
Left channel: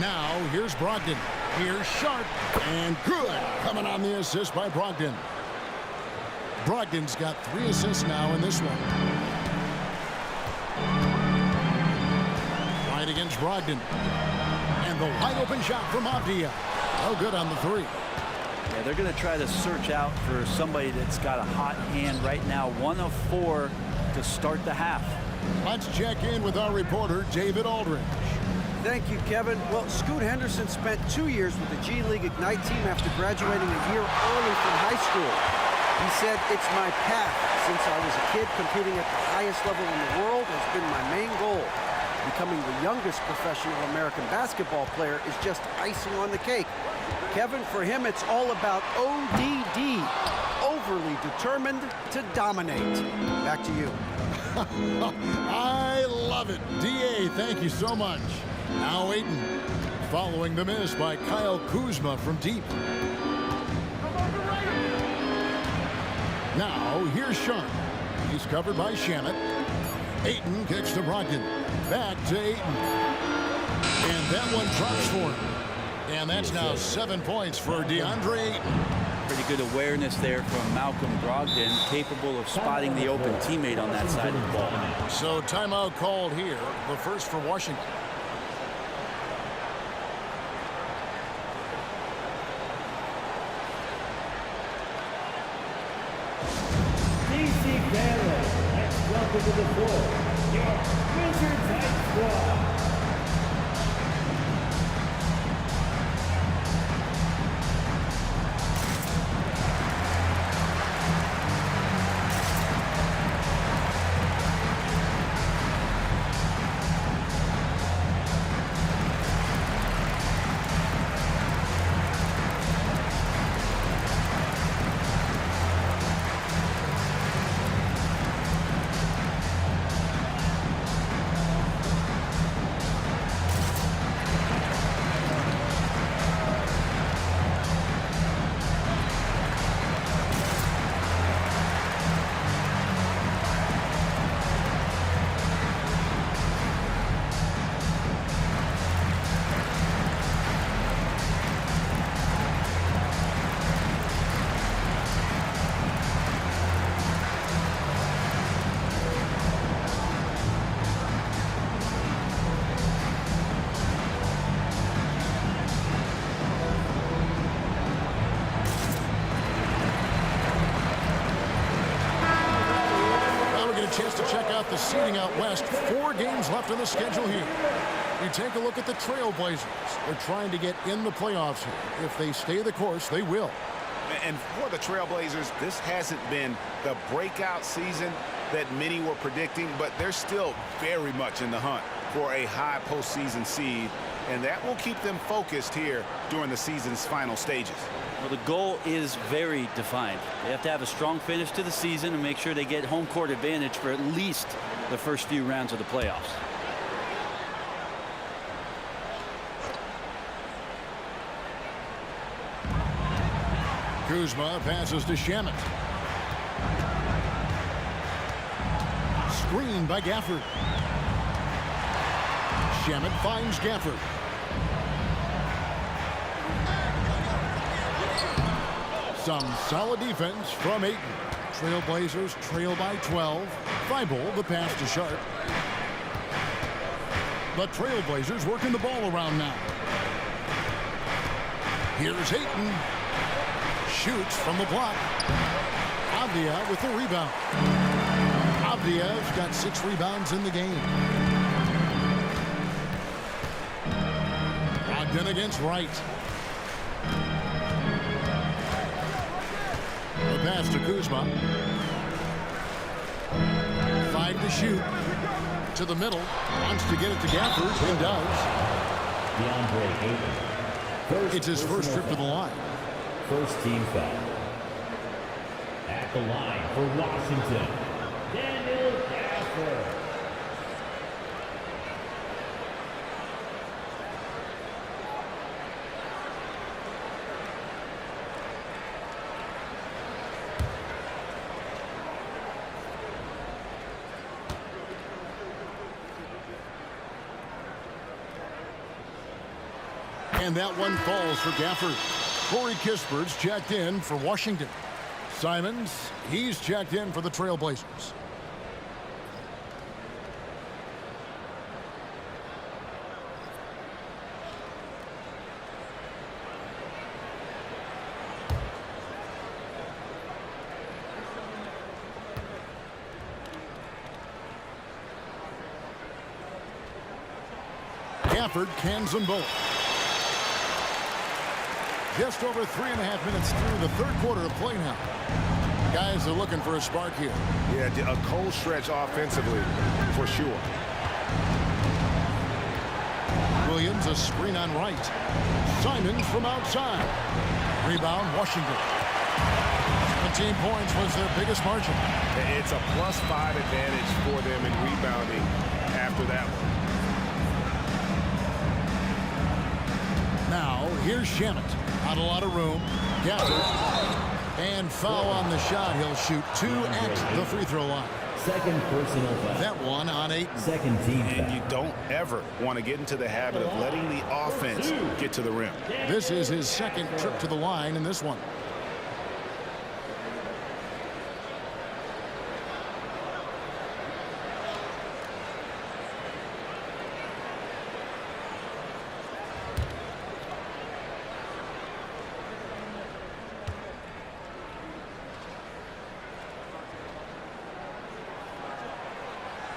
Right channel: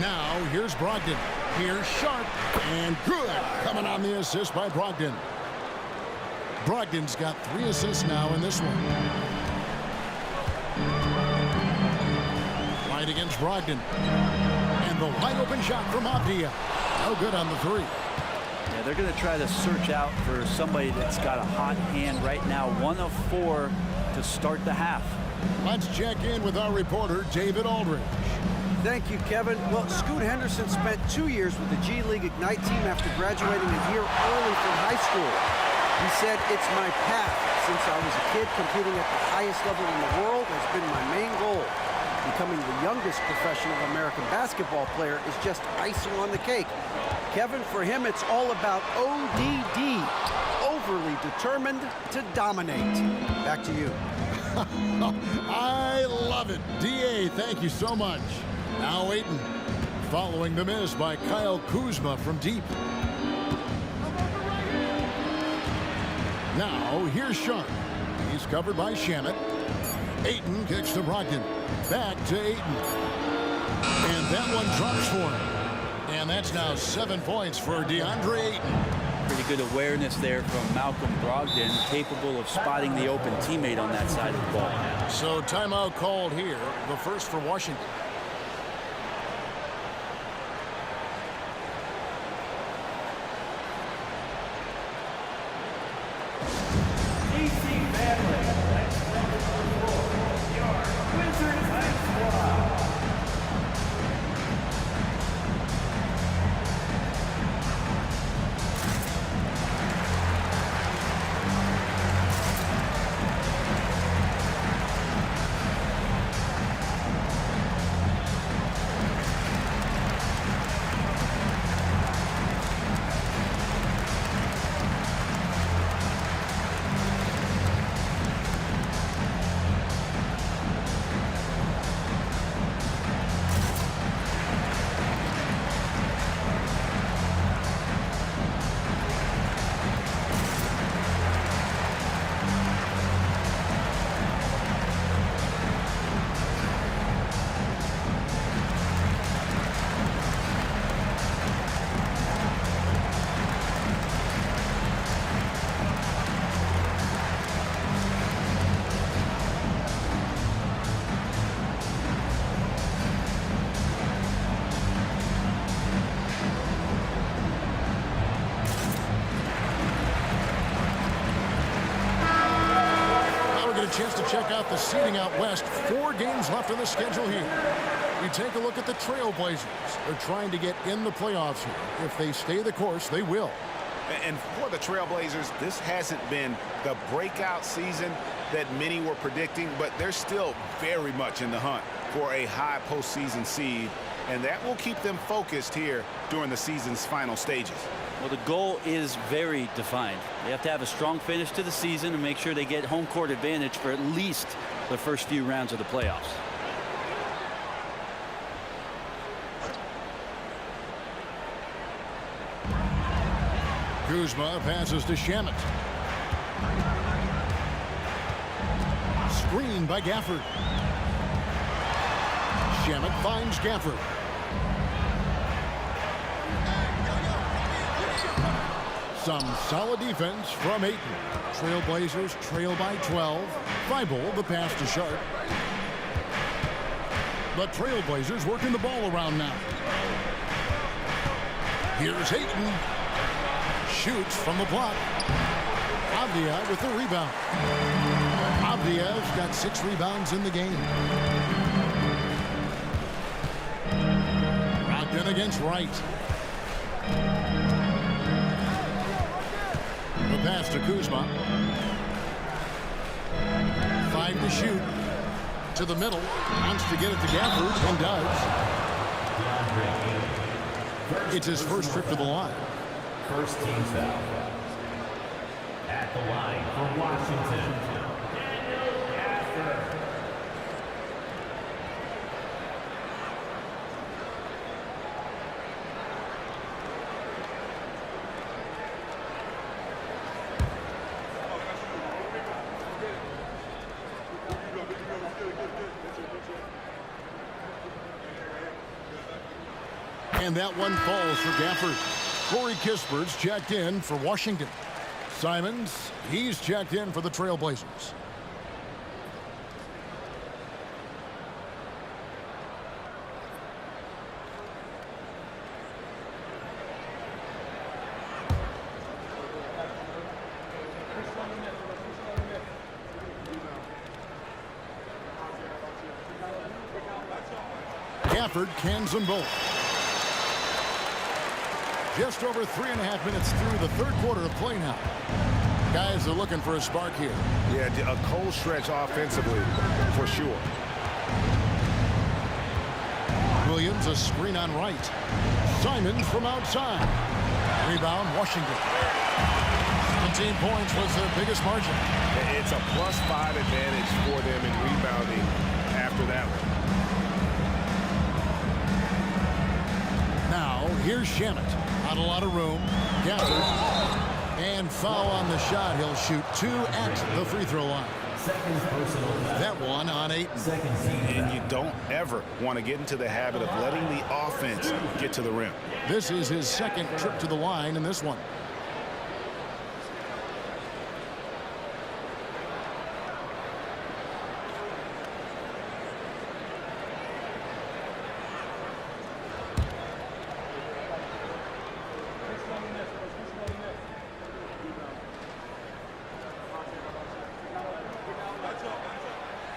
Now, here's Brogdon. Here's Sharp. And good. Coming on the assist by Brogdon. Brogdon's got 3 assists now in this one. Right against Brogdon. And the wide open shot from Avdia. No good on the 3. Yeah, they're going to try to search out for somebody that's got a hot hand right now. 1 of 4 to start the half. Let's check in with our reporter, David Aldridge. Thank you, Kevin. Well, Scoot Henderson spent 2 years with the G League Ignite team after graduating a year early from high school. He said, "It's my path. Since I was a kid, competing at the highest level in the world has been my main goal. Becoming the youngest professional American basketball player is just icing on the cake." Kevin, for him, it's all about ODD, overly determined to dominate. Back to you. I love it. DA, thank you so much. Now Ayton, following the miss by Kyle Kuzma from deep. Now, here's Sharp. He's covered by Shamet. Ayton kicks to Brogdon. Back to Ayton. And that one drops for him. And that's now 7 points for DeAndre Ayton. Pretty good awareness there from Malcolm Brogdon, capable of spotting the open teammate on that side of the ball. So timeout called here, the first for Washington. DC family, let's welcome to the floor your Wizards High Squad. Get a chance to check out the seating out west. 4 games left on the schedule here. You take a look at the Trailblazers. They're trying to get in the playoffs here. If they stay the course, they will. And for the Trailblazers, this hasn't been the breakout season that many were predicting, but they're still very much in the hunt for a high postseason seed, and that will keep them focused here during the season's final stages. Well, the goal is very defined. They have to have a strong finish to the season and make sure they get home court advantage for at least the first few rounds of the playoffs. Kuzma passes to Shamet. Screen by Gafford. Shamet finds Gafford. Some solid defense from Ayton. Trailblazers trail by 12. Thibault, the pass to Sharp. The Trailblazers working the ball around now. Here's Ayton. Shoots from the block. Avdia with the rebound. Avdia's got 6 rebounds in the game. Brogdon against Wright. The pass to Kuzma. 5 to shoot. To the middle. Wants to get it to Gafford and does. It's his first trip to the line. First team foul. At the line for Washington, Daniel Gafford. And that one falls for Gafford. Corey Kispert's checked in for Washington. Simons, he's checked in for the Trailblazers. Gafford cans them both. Just over 3.5 minutes through the third quarter of play now. Guys are looking for a spark here. Yeah, a cold stretch offensively for sure. Williams, a screen on Wright. Simons from outside. Rebound, Washington. 17 points was their biggest margin. It's a +5 advantage for them in rebounding after that one. Now, here's Shamet. Not a lot of room. Gafford. And foul on the shot. He'll shoot 2 at the free throw line. Second personal foul. That one on 8. Second team foul. And you don't ever want to get into the habit of letting the offense get to the rim. This is his second trip to the line in this one.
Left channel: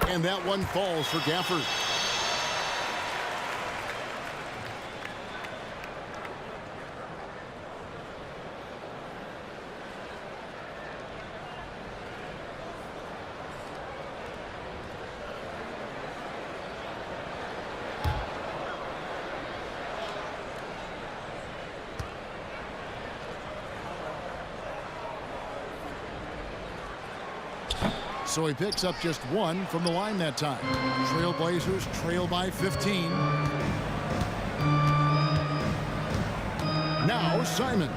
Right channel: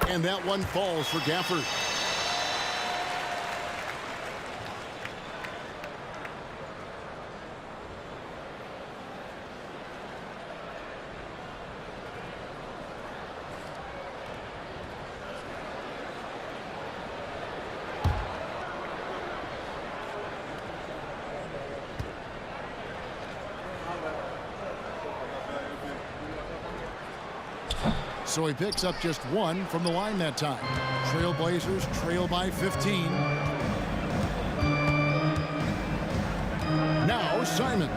And that one falls for Gafford. So he picks up just 1 from the line that time. Trailblazers trail by 15. Now Simons.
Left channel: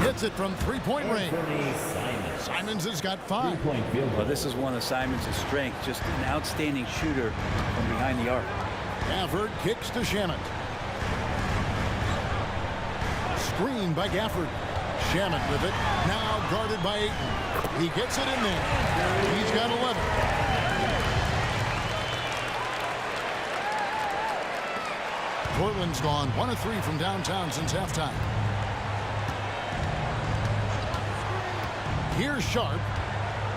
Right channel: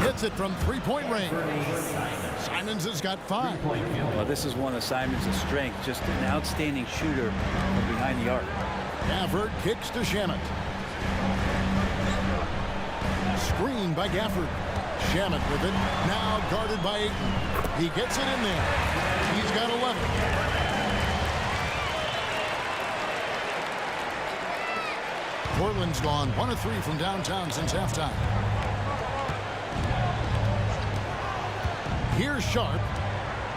Hits it from 3-point range. Simons has got 5. Well, this is one of Simons' strengths, just an outstanding shooter from behind the arc. Gafford kicks to Shamet. Screen by Gafford. Shamet with it. Now guarded by Ayton. He gets it in there. He's got 11. Portland's gone 1 of 3 from downtown since halftime. Here's Sharp.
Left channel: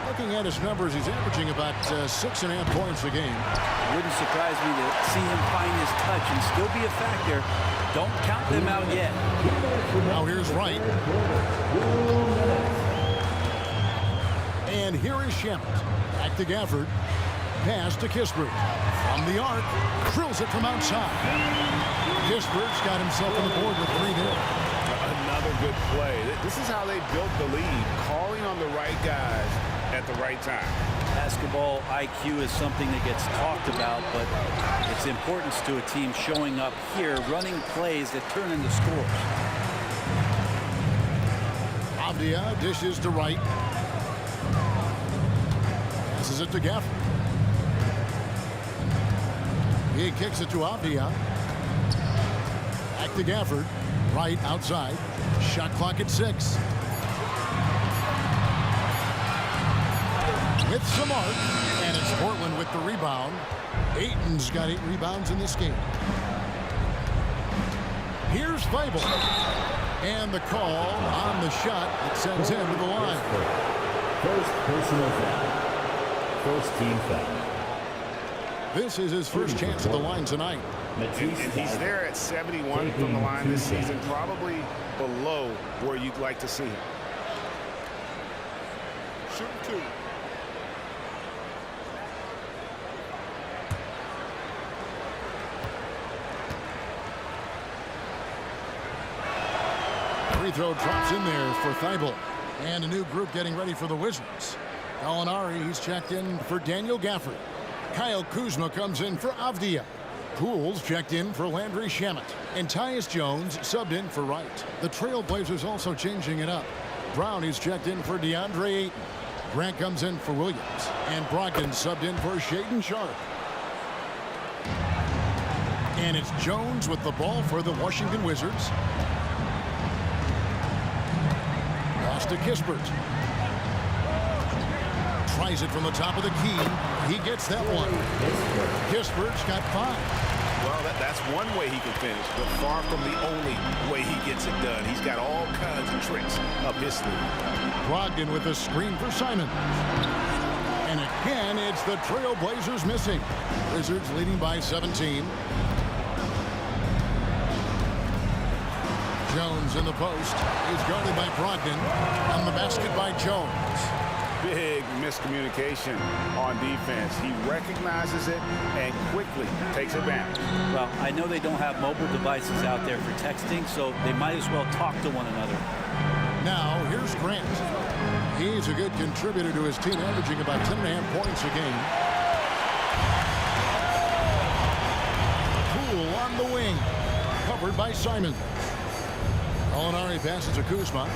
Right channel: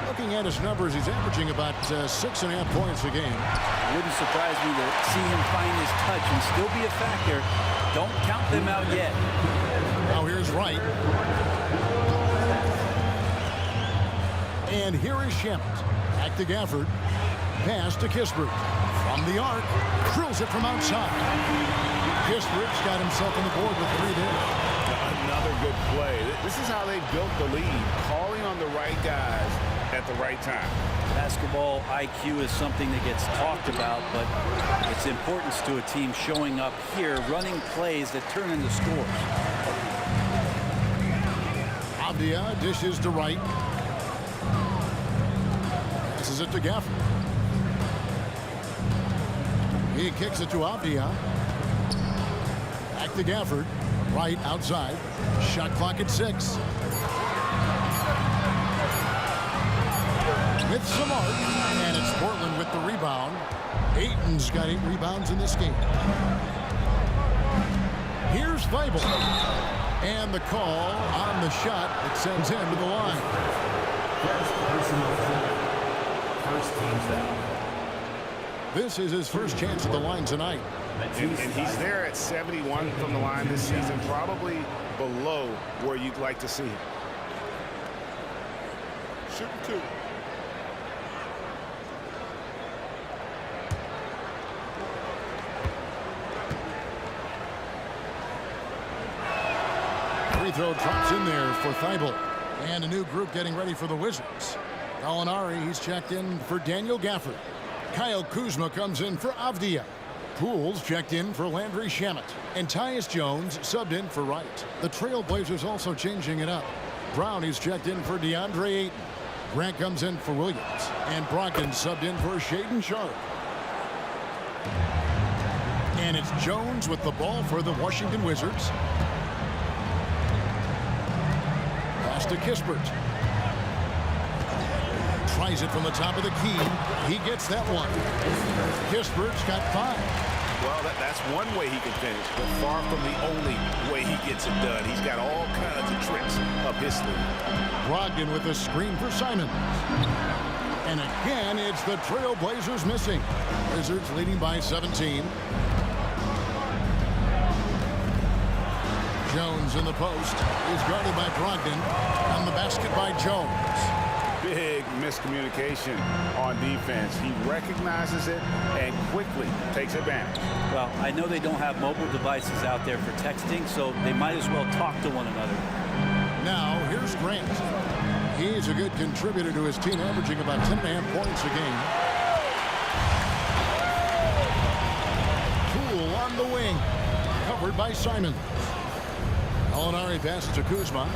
Looking at his numbers, he's averaging about 6.5 points a game. It wouldn't surprise me to see him find his touch and still be a factor. Don't count them out yet. Now here's Wright. And here is Shamet. Back to Gafford. Pass to Kispert. From the arc. Drills it from outside. Kispert's got himself on the board with 3 there. Another good play. This is how they built the lead. Calling on the right guys at the right time. Basketball IQ is something that gets talked about, but its importance to a team showing up here, running plays that turn into scores. Avdia dishes to Wright. Passes it to Gafford. He kicks it to Avdia. Back to Gafford. Right outside. Shot clock at 6. With some arc, and it's Portland with the rebound. Ayton's got 8 rebounds in this game. Here's Thibault. And the call on the shot that sends him to the line. First personal foul. First team foul. This is his first chance at the line tonight. And he's there at 71 from the line this season, probably below where you'd like to see him. Shooting 2. Free throw drops in there for Thibault. And a new group getting ready for the Wizards. Gallinari, he's checked in for Daniel Gafford. Kyle Kuzma comes in for Avdia. Pools checked in for Landry Shamet. And Tyus Jones subbed in for Wright. The Trailblazers also changing it up. Brown is checked in for DeAndre Ayton. Grant comes in for Williams. And Brogdon subbed in for Shaedon Sharpe. And it's Jones with the ball for the Washington Wizards. Pass to Kispert. Tries it from the top of the key. He gets that one. Kispert's got 5. Well, that's one way he can finish, but far from the only way he gets it done. He's got all kinds of tricks up his sleeve. Brogdon with a screen for Simons. And again, it's the Trailblazers missing. Wizards leading by 17. Jones in the post. He's guarded by Brogdon. On the basket by Jones. Big miscommunication on defense. He recognizes it and quickly takes advantage. Well, I know they don't have mobile devices out there for texting, so they might as well talk to one another. Now, here's Grant. He's a good contributor to his team, averaging about 10.5 points a game. Poole on the wing. Covered by Simons. Gallinari passes to Kuzma.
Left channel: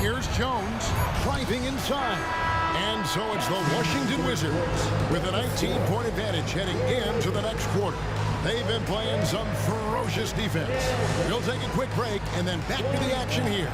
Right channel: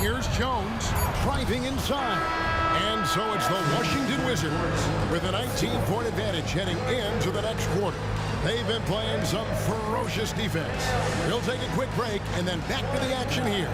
Here's Jones driving inside. And so it's the Washington Wizards with a 19-point advantage heading into the next quarter. They've been playing some ferocious defense. We'll take a quick break and then back to the action here.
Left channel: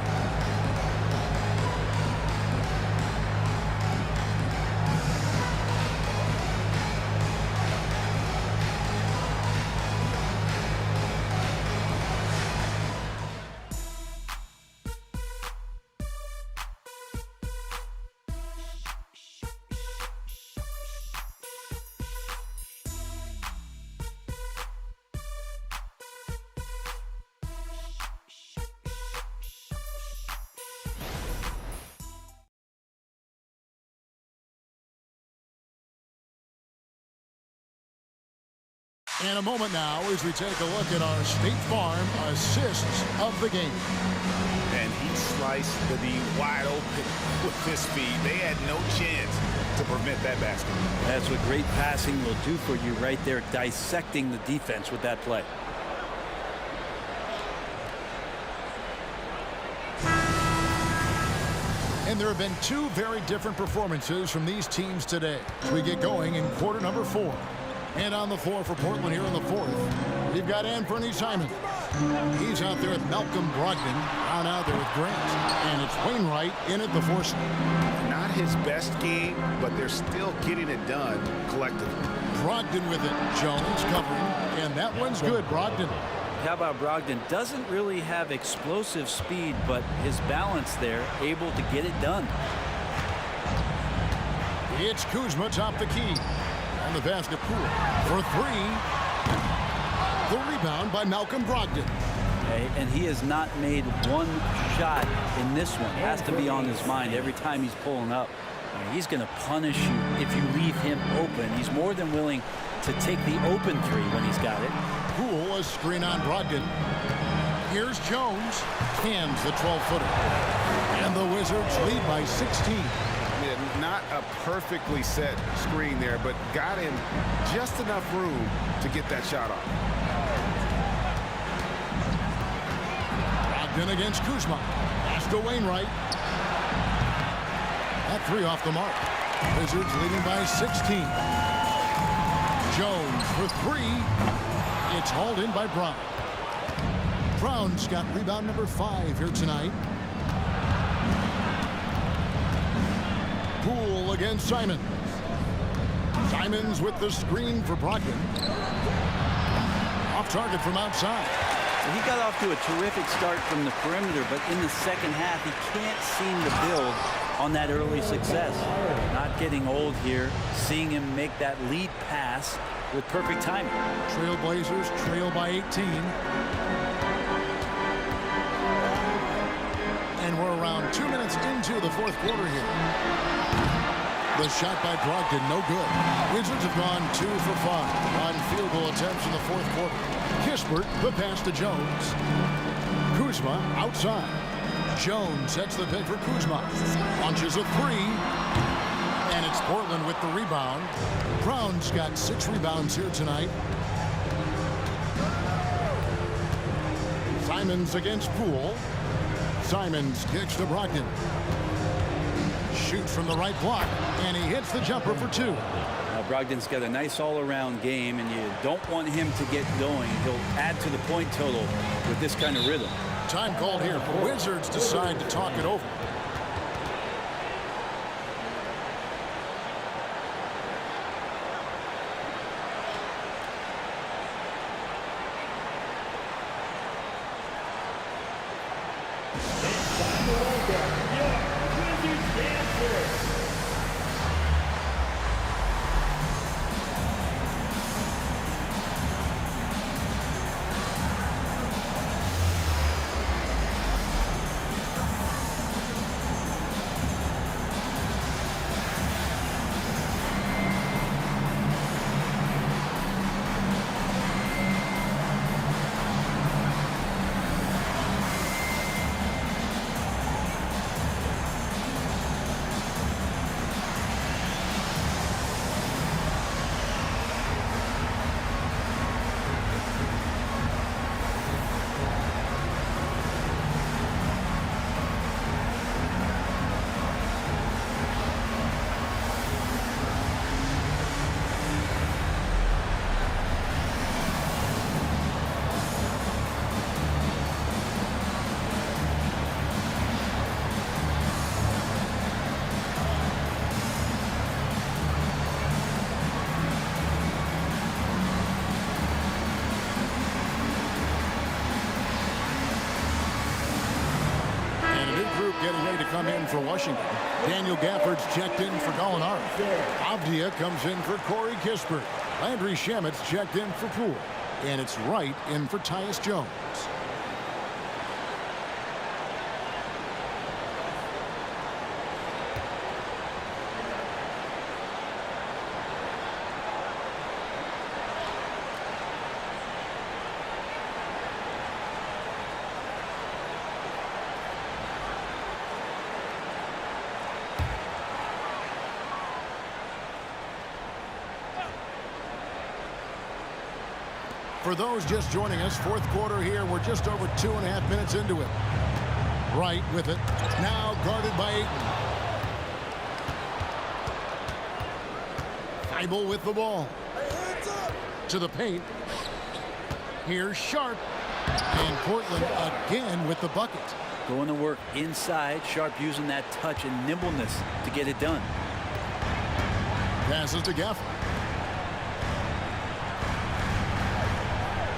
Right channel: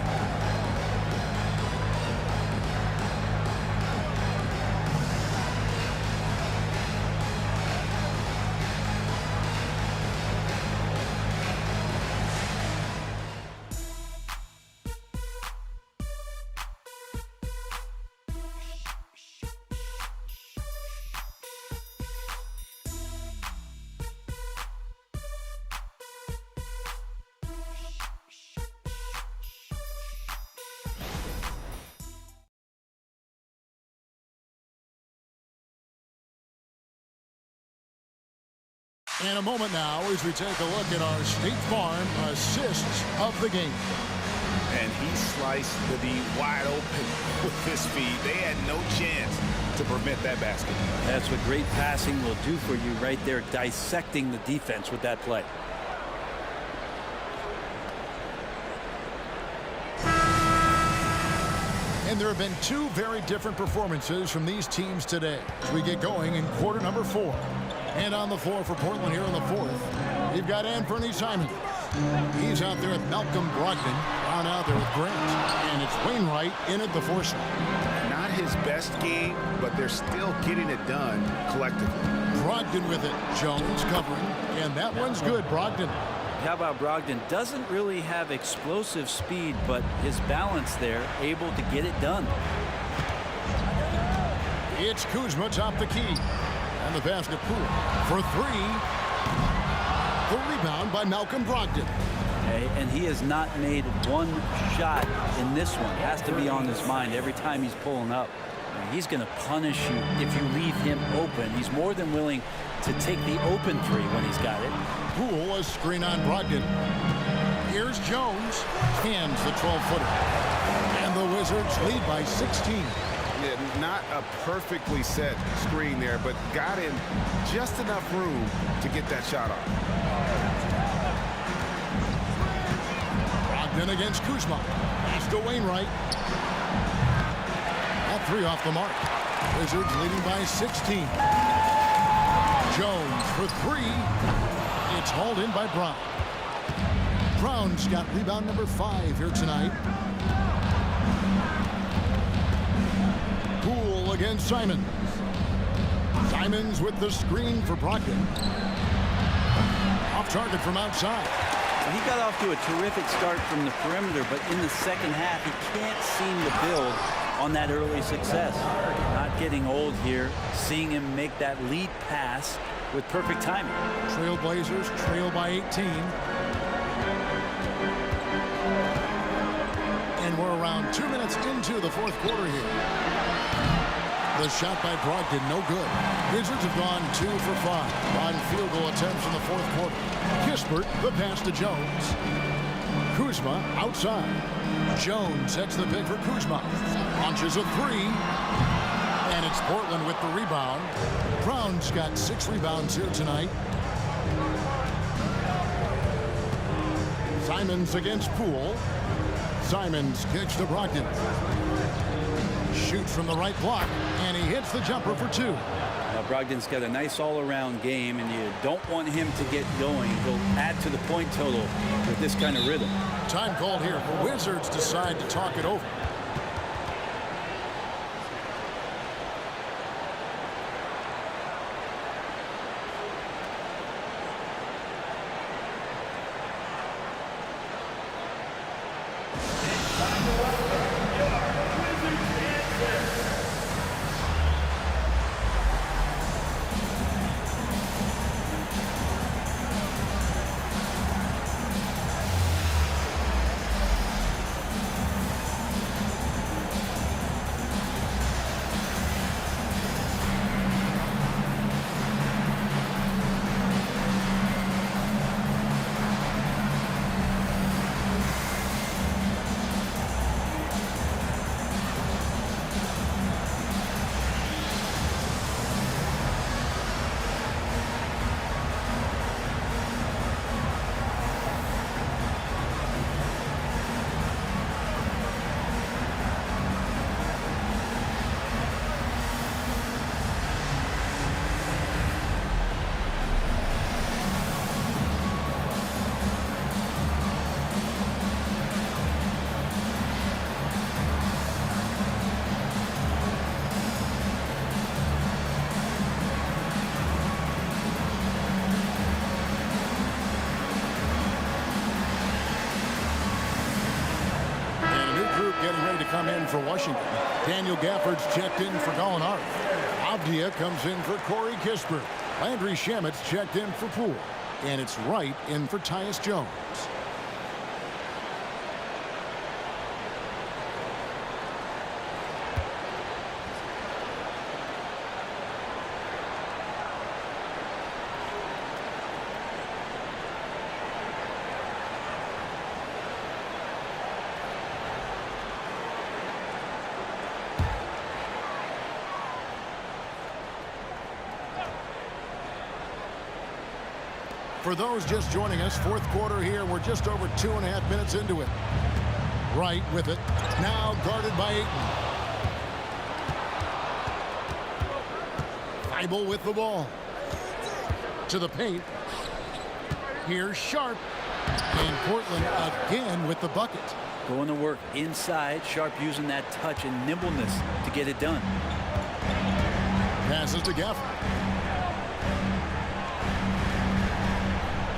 And a moment now as we take a look at our State Farm assists of the game. And he sliced the D wide open with his feet. They had no chance to prevent that basket. That's what great passing will do for you right there, dissecting the defense with that play. And there have been 2 very different performances from these teams today as we get going in quarter number 4. And on the floor for Portland here in the 4th, you've got Anthony Simons. He's out there with Malcolm Brogdon. Brown out there with Grant. And it's Wainwright in at the 4 slot. Not his best game, but they're still getting it done collectively. Brogdon with it. Jones covering. And that one's good, Brogdon. How about Brogdon? Doesn't really have explosive speed, but his balance there, able to get it done. It's Kuzma top the key. And the pass to Poole for 3. The rebound by Malcolm Brogdon. And he has not made one shot in this one. Has to be on his mind every time he's pulling up. He's going to punish you if you leave him open. He's more than willing to take the open 3 when he's got it. Poole, a screen on Brogdon. Here's Jones. Cans the 12-footer. And the Wizards lead by 16. Yeah, not a perfectly set screen there, but got him just enough room to get that shot off. Brogdon against Kuzma. Pass to Wainwright. That 3 off the mark. Wizards leading by 16. Jones for 3. It's hauled in by Brown. Brown's got rebound number 5 here tonight. Poole against Simons. Simons with the screen for Brogdon. Off target from outside. Well, he got off to a terrific start from the perimeter, but in the second half, he can't seem to build on that early success. Not getting old here, seeing him make that lead pass with perfect timing. Trailblazers trail by 18. And we're around 2 minutes into the fourth quarter here. The shot by Brogdon, no good. Wizards have gone 2 for 5 on field goal attempts in the fourth quarter. Kispert, the pass to Jones. Kuzma outside. Jones sets the pick for Kuzma. Launches a 3. And it's Portland with the rebound. Brown's got 6 rebounds here tonight. Simons against Poole. Simons kicks to Brogdon. Shoots from the right block, and he hits the jumper for 2. Brogdon's got a nice all-around game, and you don't want him to get going. He'll add to the point total with this kind of rhythm. Time called here. The Wizards decide to talk it over. Group getting ready to come in for Washington. Daniel Gafford's checked in for Gallinari. Avdia comes in for Corey Kispert. Landry Shamit's checked in for Poole. And it's Wright in for Tyus Jones. For those just joining us, fourth quarter here. We're just over 2.5 minutes into it. Wright with it. Now guarded by Ayton. Thibault with the ball. To the paint. Here's Sharp. And Portland again with the bucket. Going to work inside. Sharp using that touch and nimbleness to get it done. Passes to Gafford.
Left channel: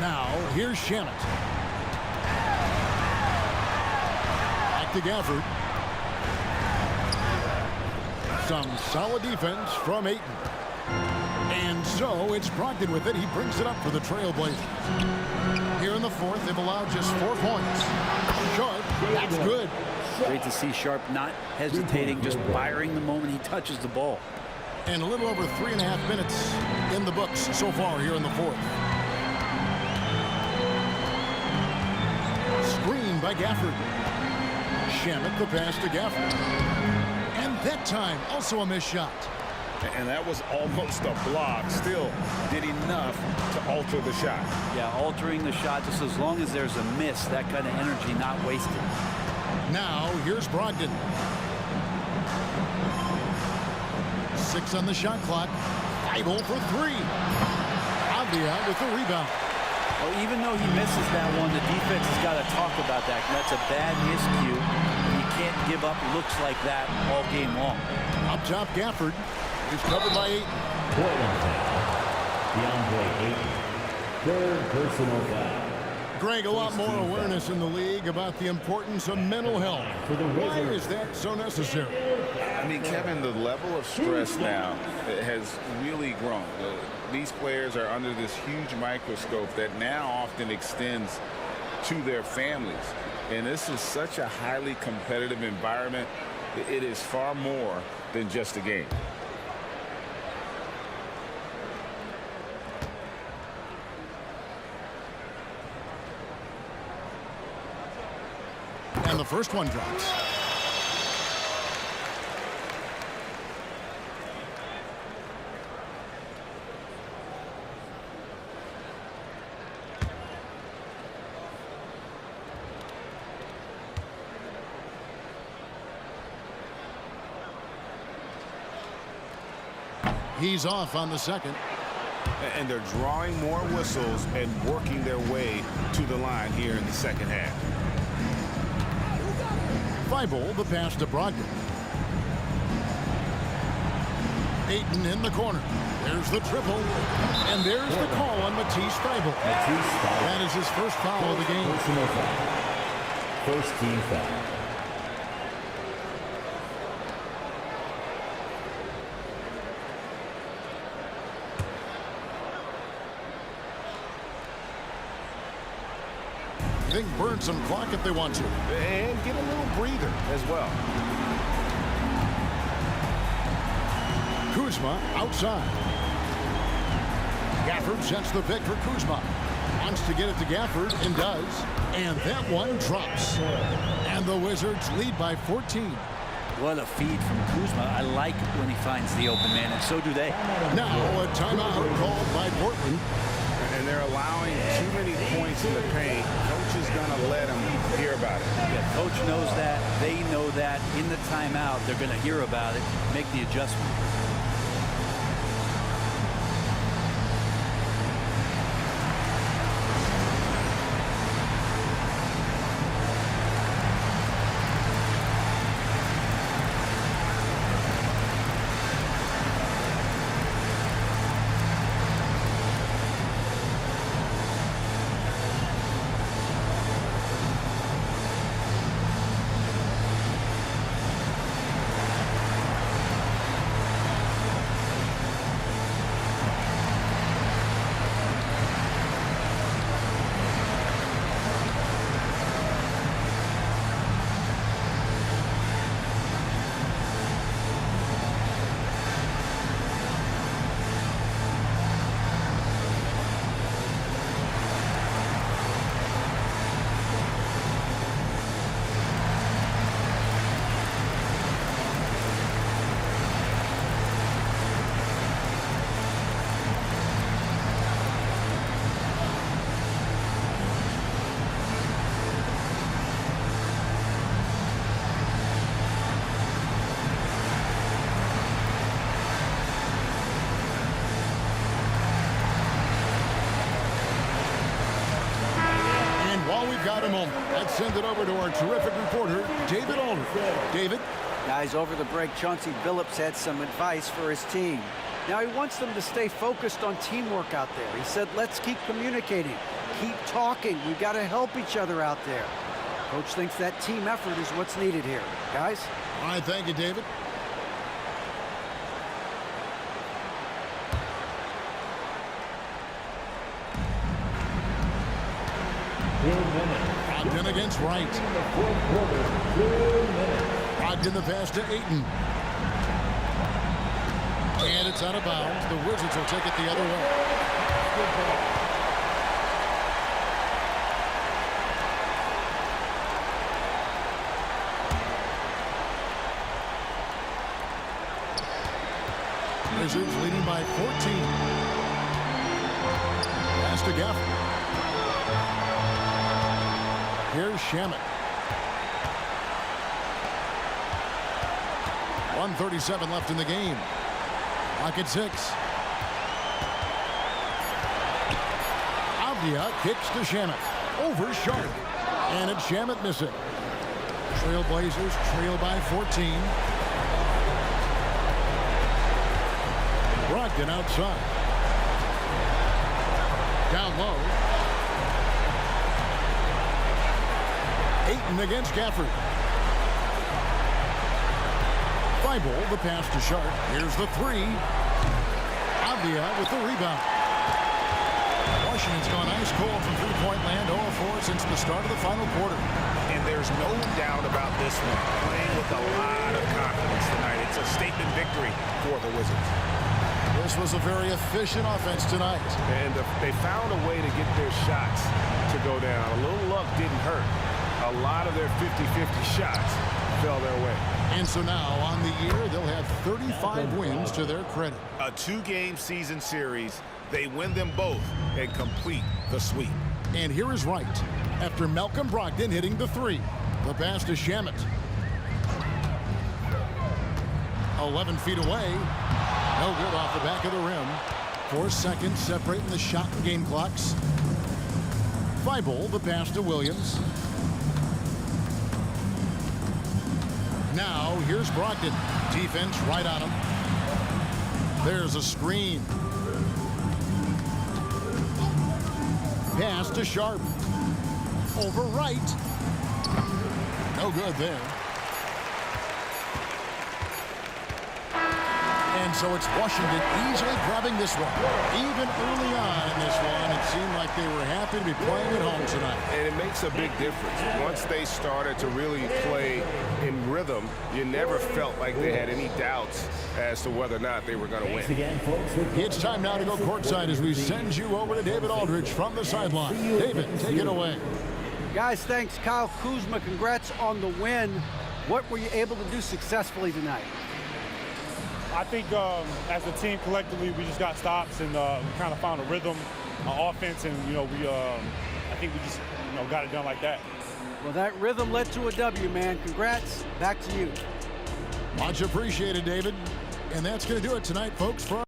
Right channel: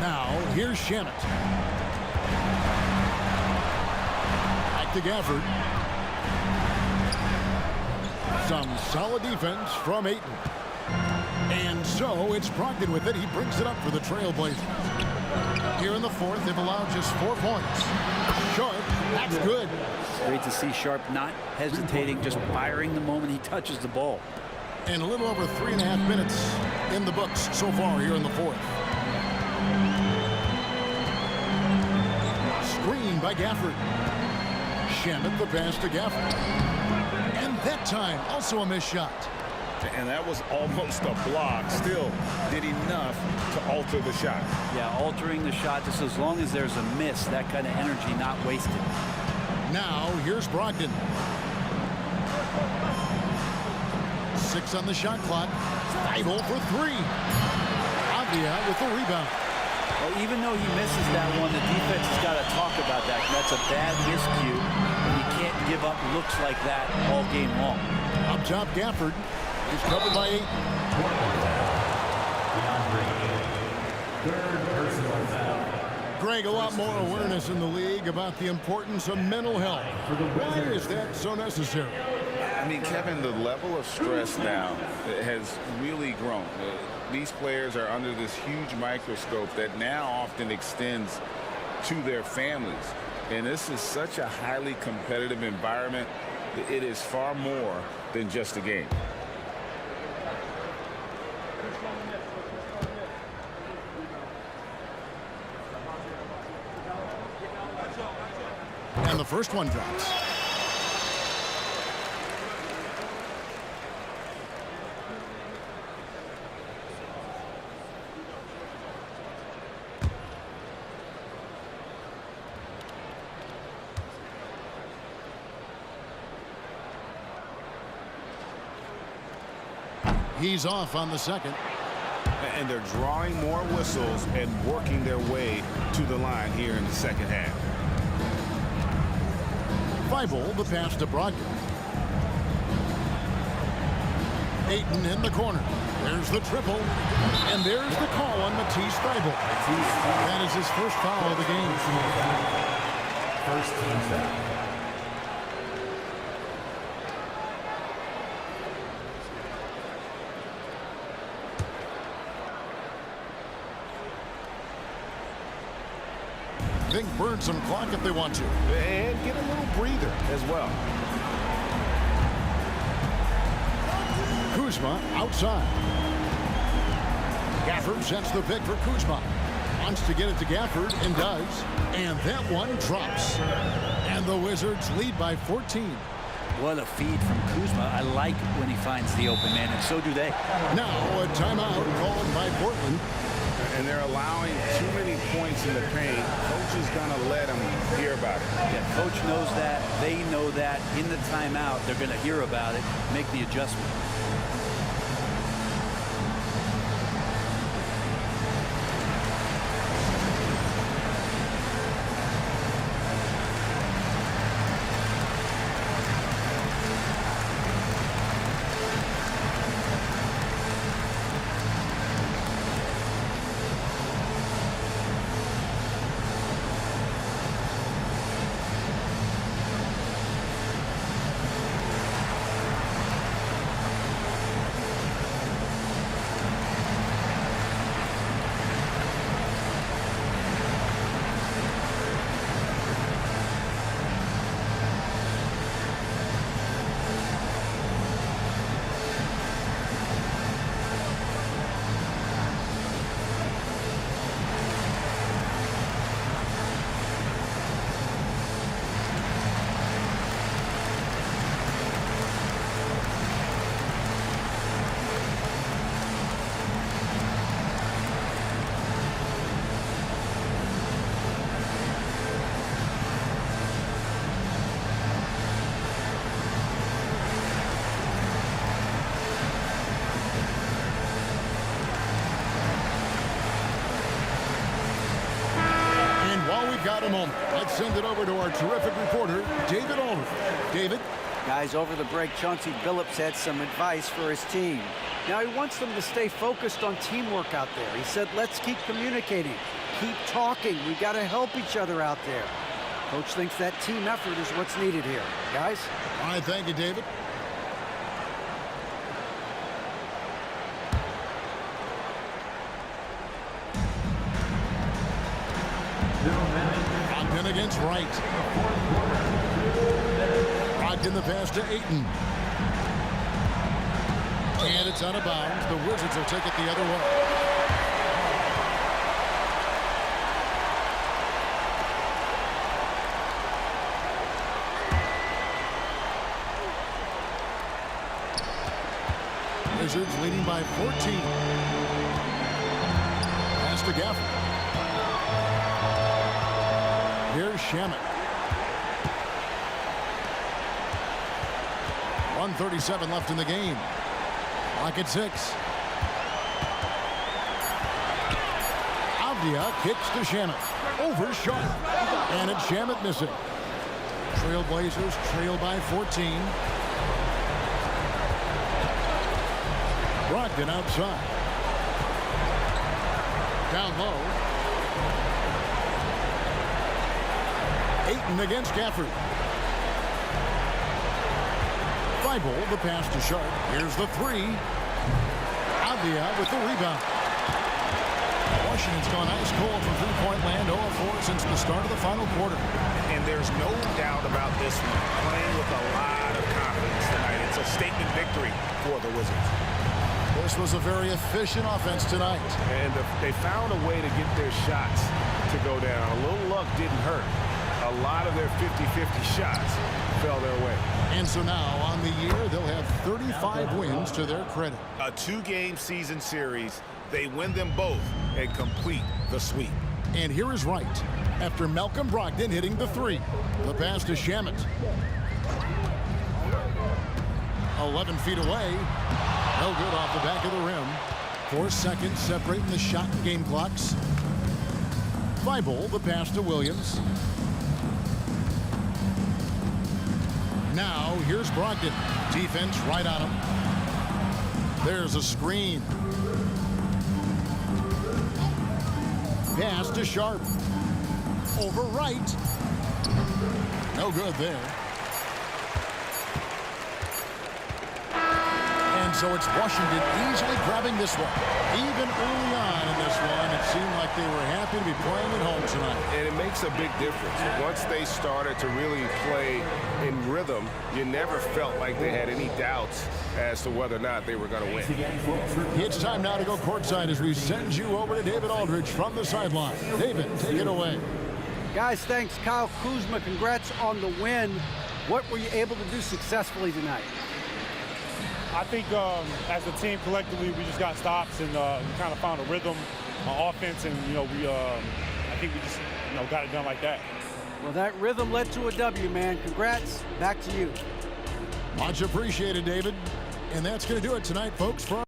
Now, here's Shamet. Back to Gafford. Some solid defense from Ayton. And so, it's Brogdon with it. He brings it up for the Trailblazers. Here in the fourth, they've allowed just 4 points. Sharp, that's good. Great to see Sharp not hesitating, just firing the moment he touches the ball. And a little over 3.5 minutes in the books so far here in the fourth. Screen by Gafford. Shamet the pass to Gafford. And that time, also a missed shot. And that was almost a block. Still did enough to alter the shot. Yeah, altering the shot just as long as there's a miss, that kind of energy not wasted. Now, here's Brogdon. 6 on the shot clock. Thibault for 3. Avdia with the rebound. Well, even though he misses that one, the defense has got to talk about that. That's a bad miscue, and you can't give up looks like that all game long. Up top, Gafford. He's covered by 8. DeAndre Ayton. Third personal foul. Greg, a lot more awareness in the league about the importance of mental health. Why is that so necessary? I mean, Kevin, the level of stress now has really grown. These players are under this huge microscope that now often extends to their families. And this is such a highly competitive environment. It is far more than just a game. And the first one drops. He's off on the second. And they're drawing more whistles and working their way to the line here in the second half. Thibault, the pass to Brogdon. Ayton in the corner. There's the triple. And there's the call on Matisse Thibault. That is his first foul of the game. First team foul. I think burn some clock if they want to. And get a little breather as well. Kuzma outside. Gafford sets the pick for Kuzma. Wants to get it to Gafford and does. And that one drops. And the Wizards lead by 14. What a feed from Kuzma. I like when he finds the open man, and so do they. Now a timeout called by Portland. And they're allowing too many points in the paint. Coach is going to let them hear about it. Yeah, coach knows that. They know that. In the timeout, they're going to hear about it, make the adjustment. While we've got a moment, let's send it over to our terrific reporter, David Aldridge. David? Guys, over the break, Chauncey Billups had some advice for his team. Now he wants them to stay focused on teamwork out there. He said, let's keep communicating, keep talking. We've got to help each other out there. Coach thinks that team effort is what's needed here. Guys? All right, thank you, David. Brogdon against Wright. Brogdon the pass to Ayton. And it's out of bounds. The Wizards will take it the other way. Wizards leading by 14. Pass to Gafford. Here's Shamet. 1:37 left in the game. Clock at 6. Avdia kicks to Shamet. Over Sharp. And it's Shamet missing. Trailblazers trail by 14. Brogdon outside. Down low. Ayton against Gafford. Thibault, the pass to Sharp. Here's the three. Avdia with the rebound. Washington's gone ice cold from three-point land, 0 of 4 since the start of the final quarter. And there's no doubt about this one. Playing with a lot of confidence tonight. It's a statement victory for the Wizards. This was a very efficient offense tonight. And they found a way to get their shots to go down. A little luck didn't hurt. A lot of their 50-50 shots fell their way. And so now on the year, they'll have 35 wins to their credit. A 2-game season series. They win them both and complete the sweep. And here is Wright after Malcolm Brogdon hitting the three. The pass to Shamet. 11 feet away. No good off the back of the rim. 4 seconds separating the shot and game clocks. Thibault, the pass to Williams. Now here's Brogdon. Defense right on him. There's a screen. Pass to Sharp. Over Wright. No good there. And so it's Washington easily grabbing this one. Even early on in this one, it seemed like they were happy to be playing at home tonight. And it makes a big difference. Once they started to really play in rhythm, you never felt like they had any doubts as to whether or not they were going to win. It's time now to go courtside as we send you over to David Aldridge from the sideline. David, take it away. Guys, thanks. Kyle Kuzma, congrats on the win. What were you able to do successfully tonight? I think as a team collectively, we just got stops and we kind of found a rhythm on offense, and I think we just got it done like that. Well, that rhythm led to a W, man. Congrats. Back to you. Much appreciated, David. And that's going to do it tonight, folks, for our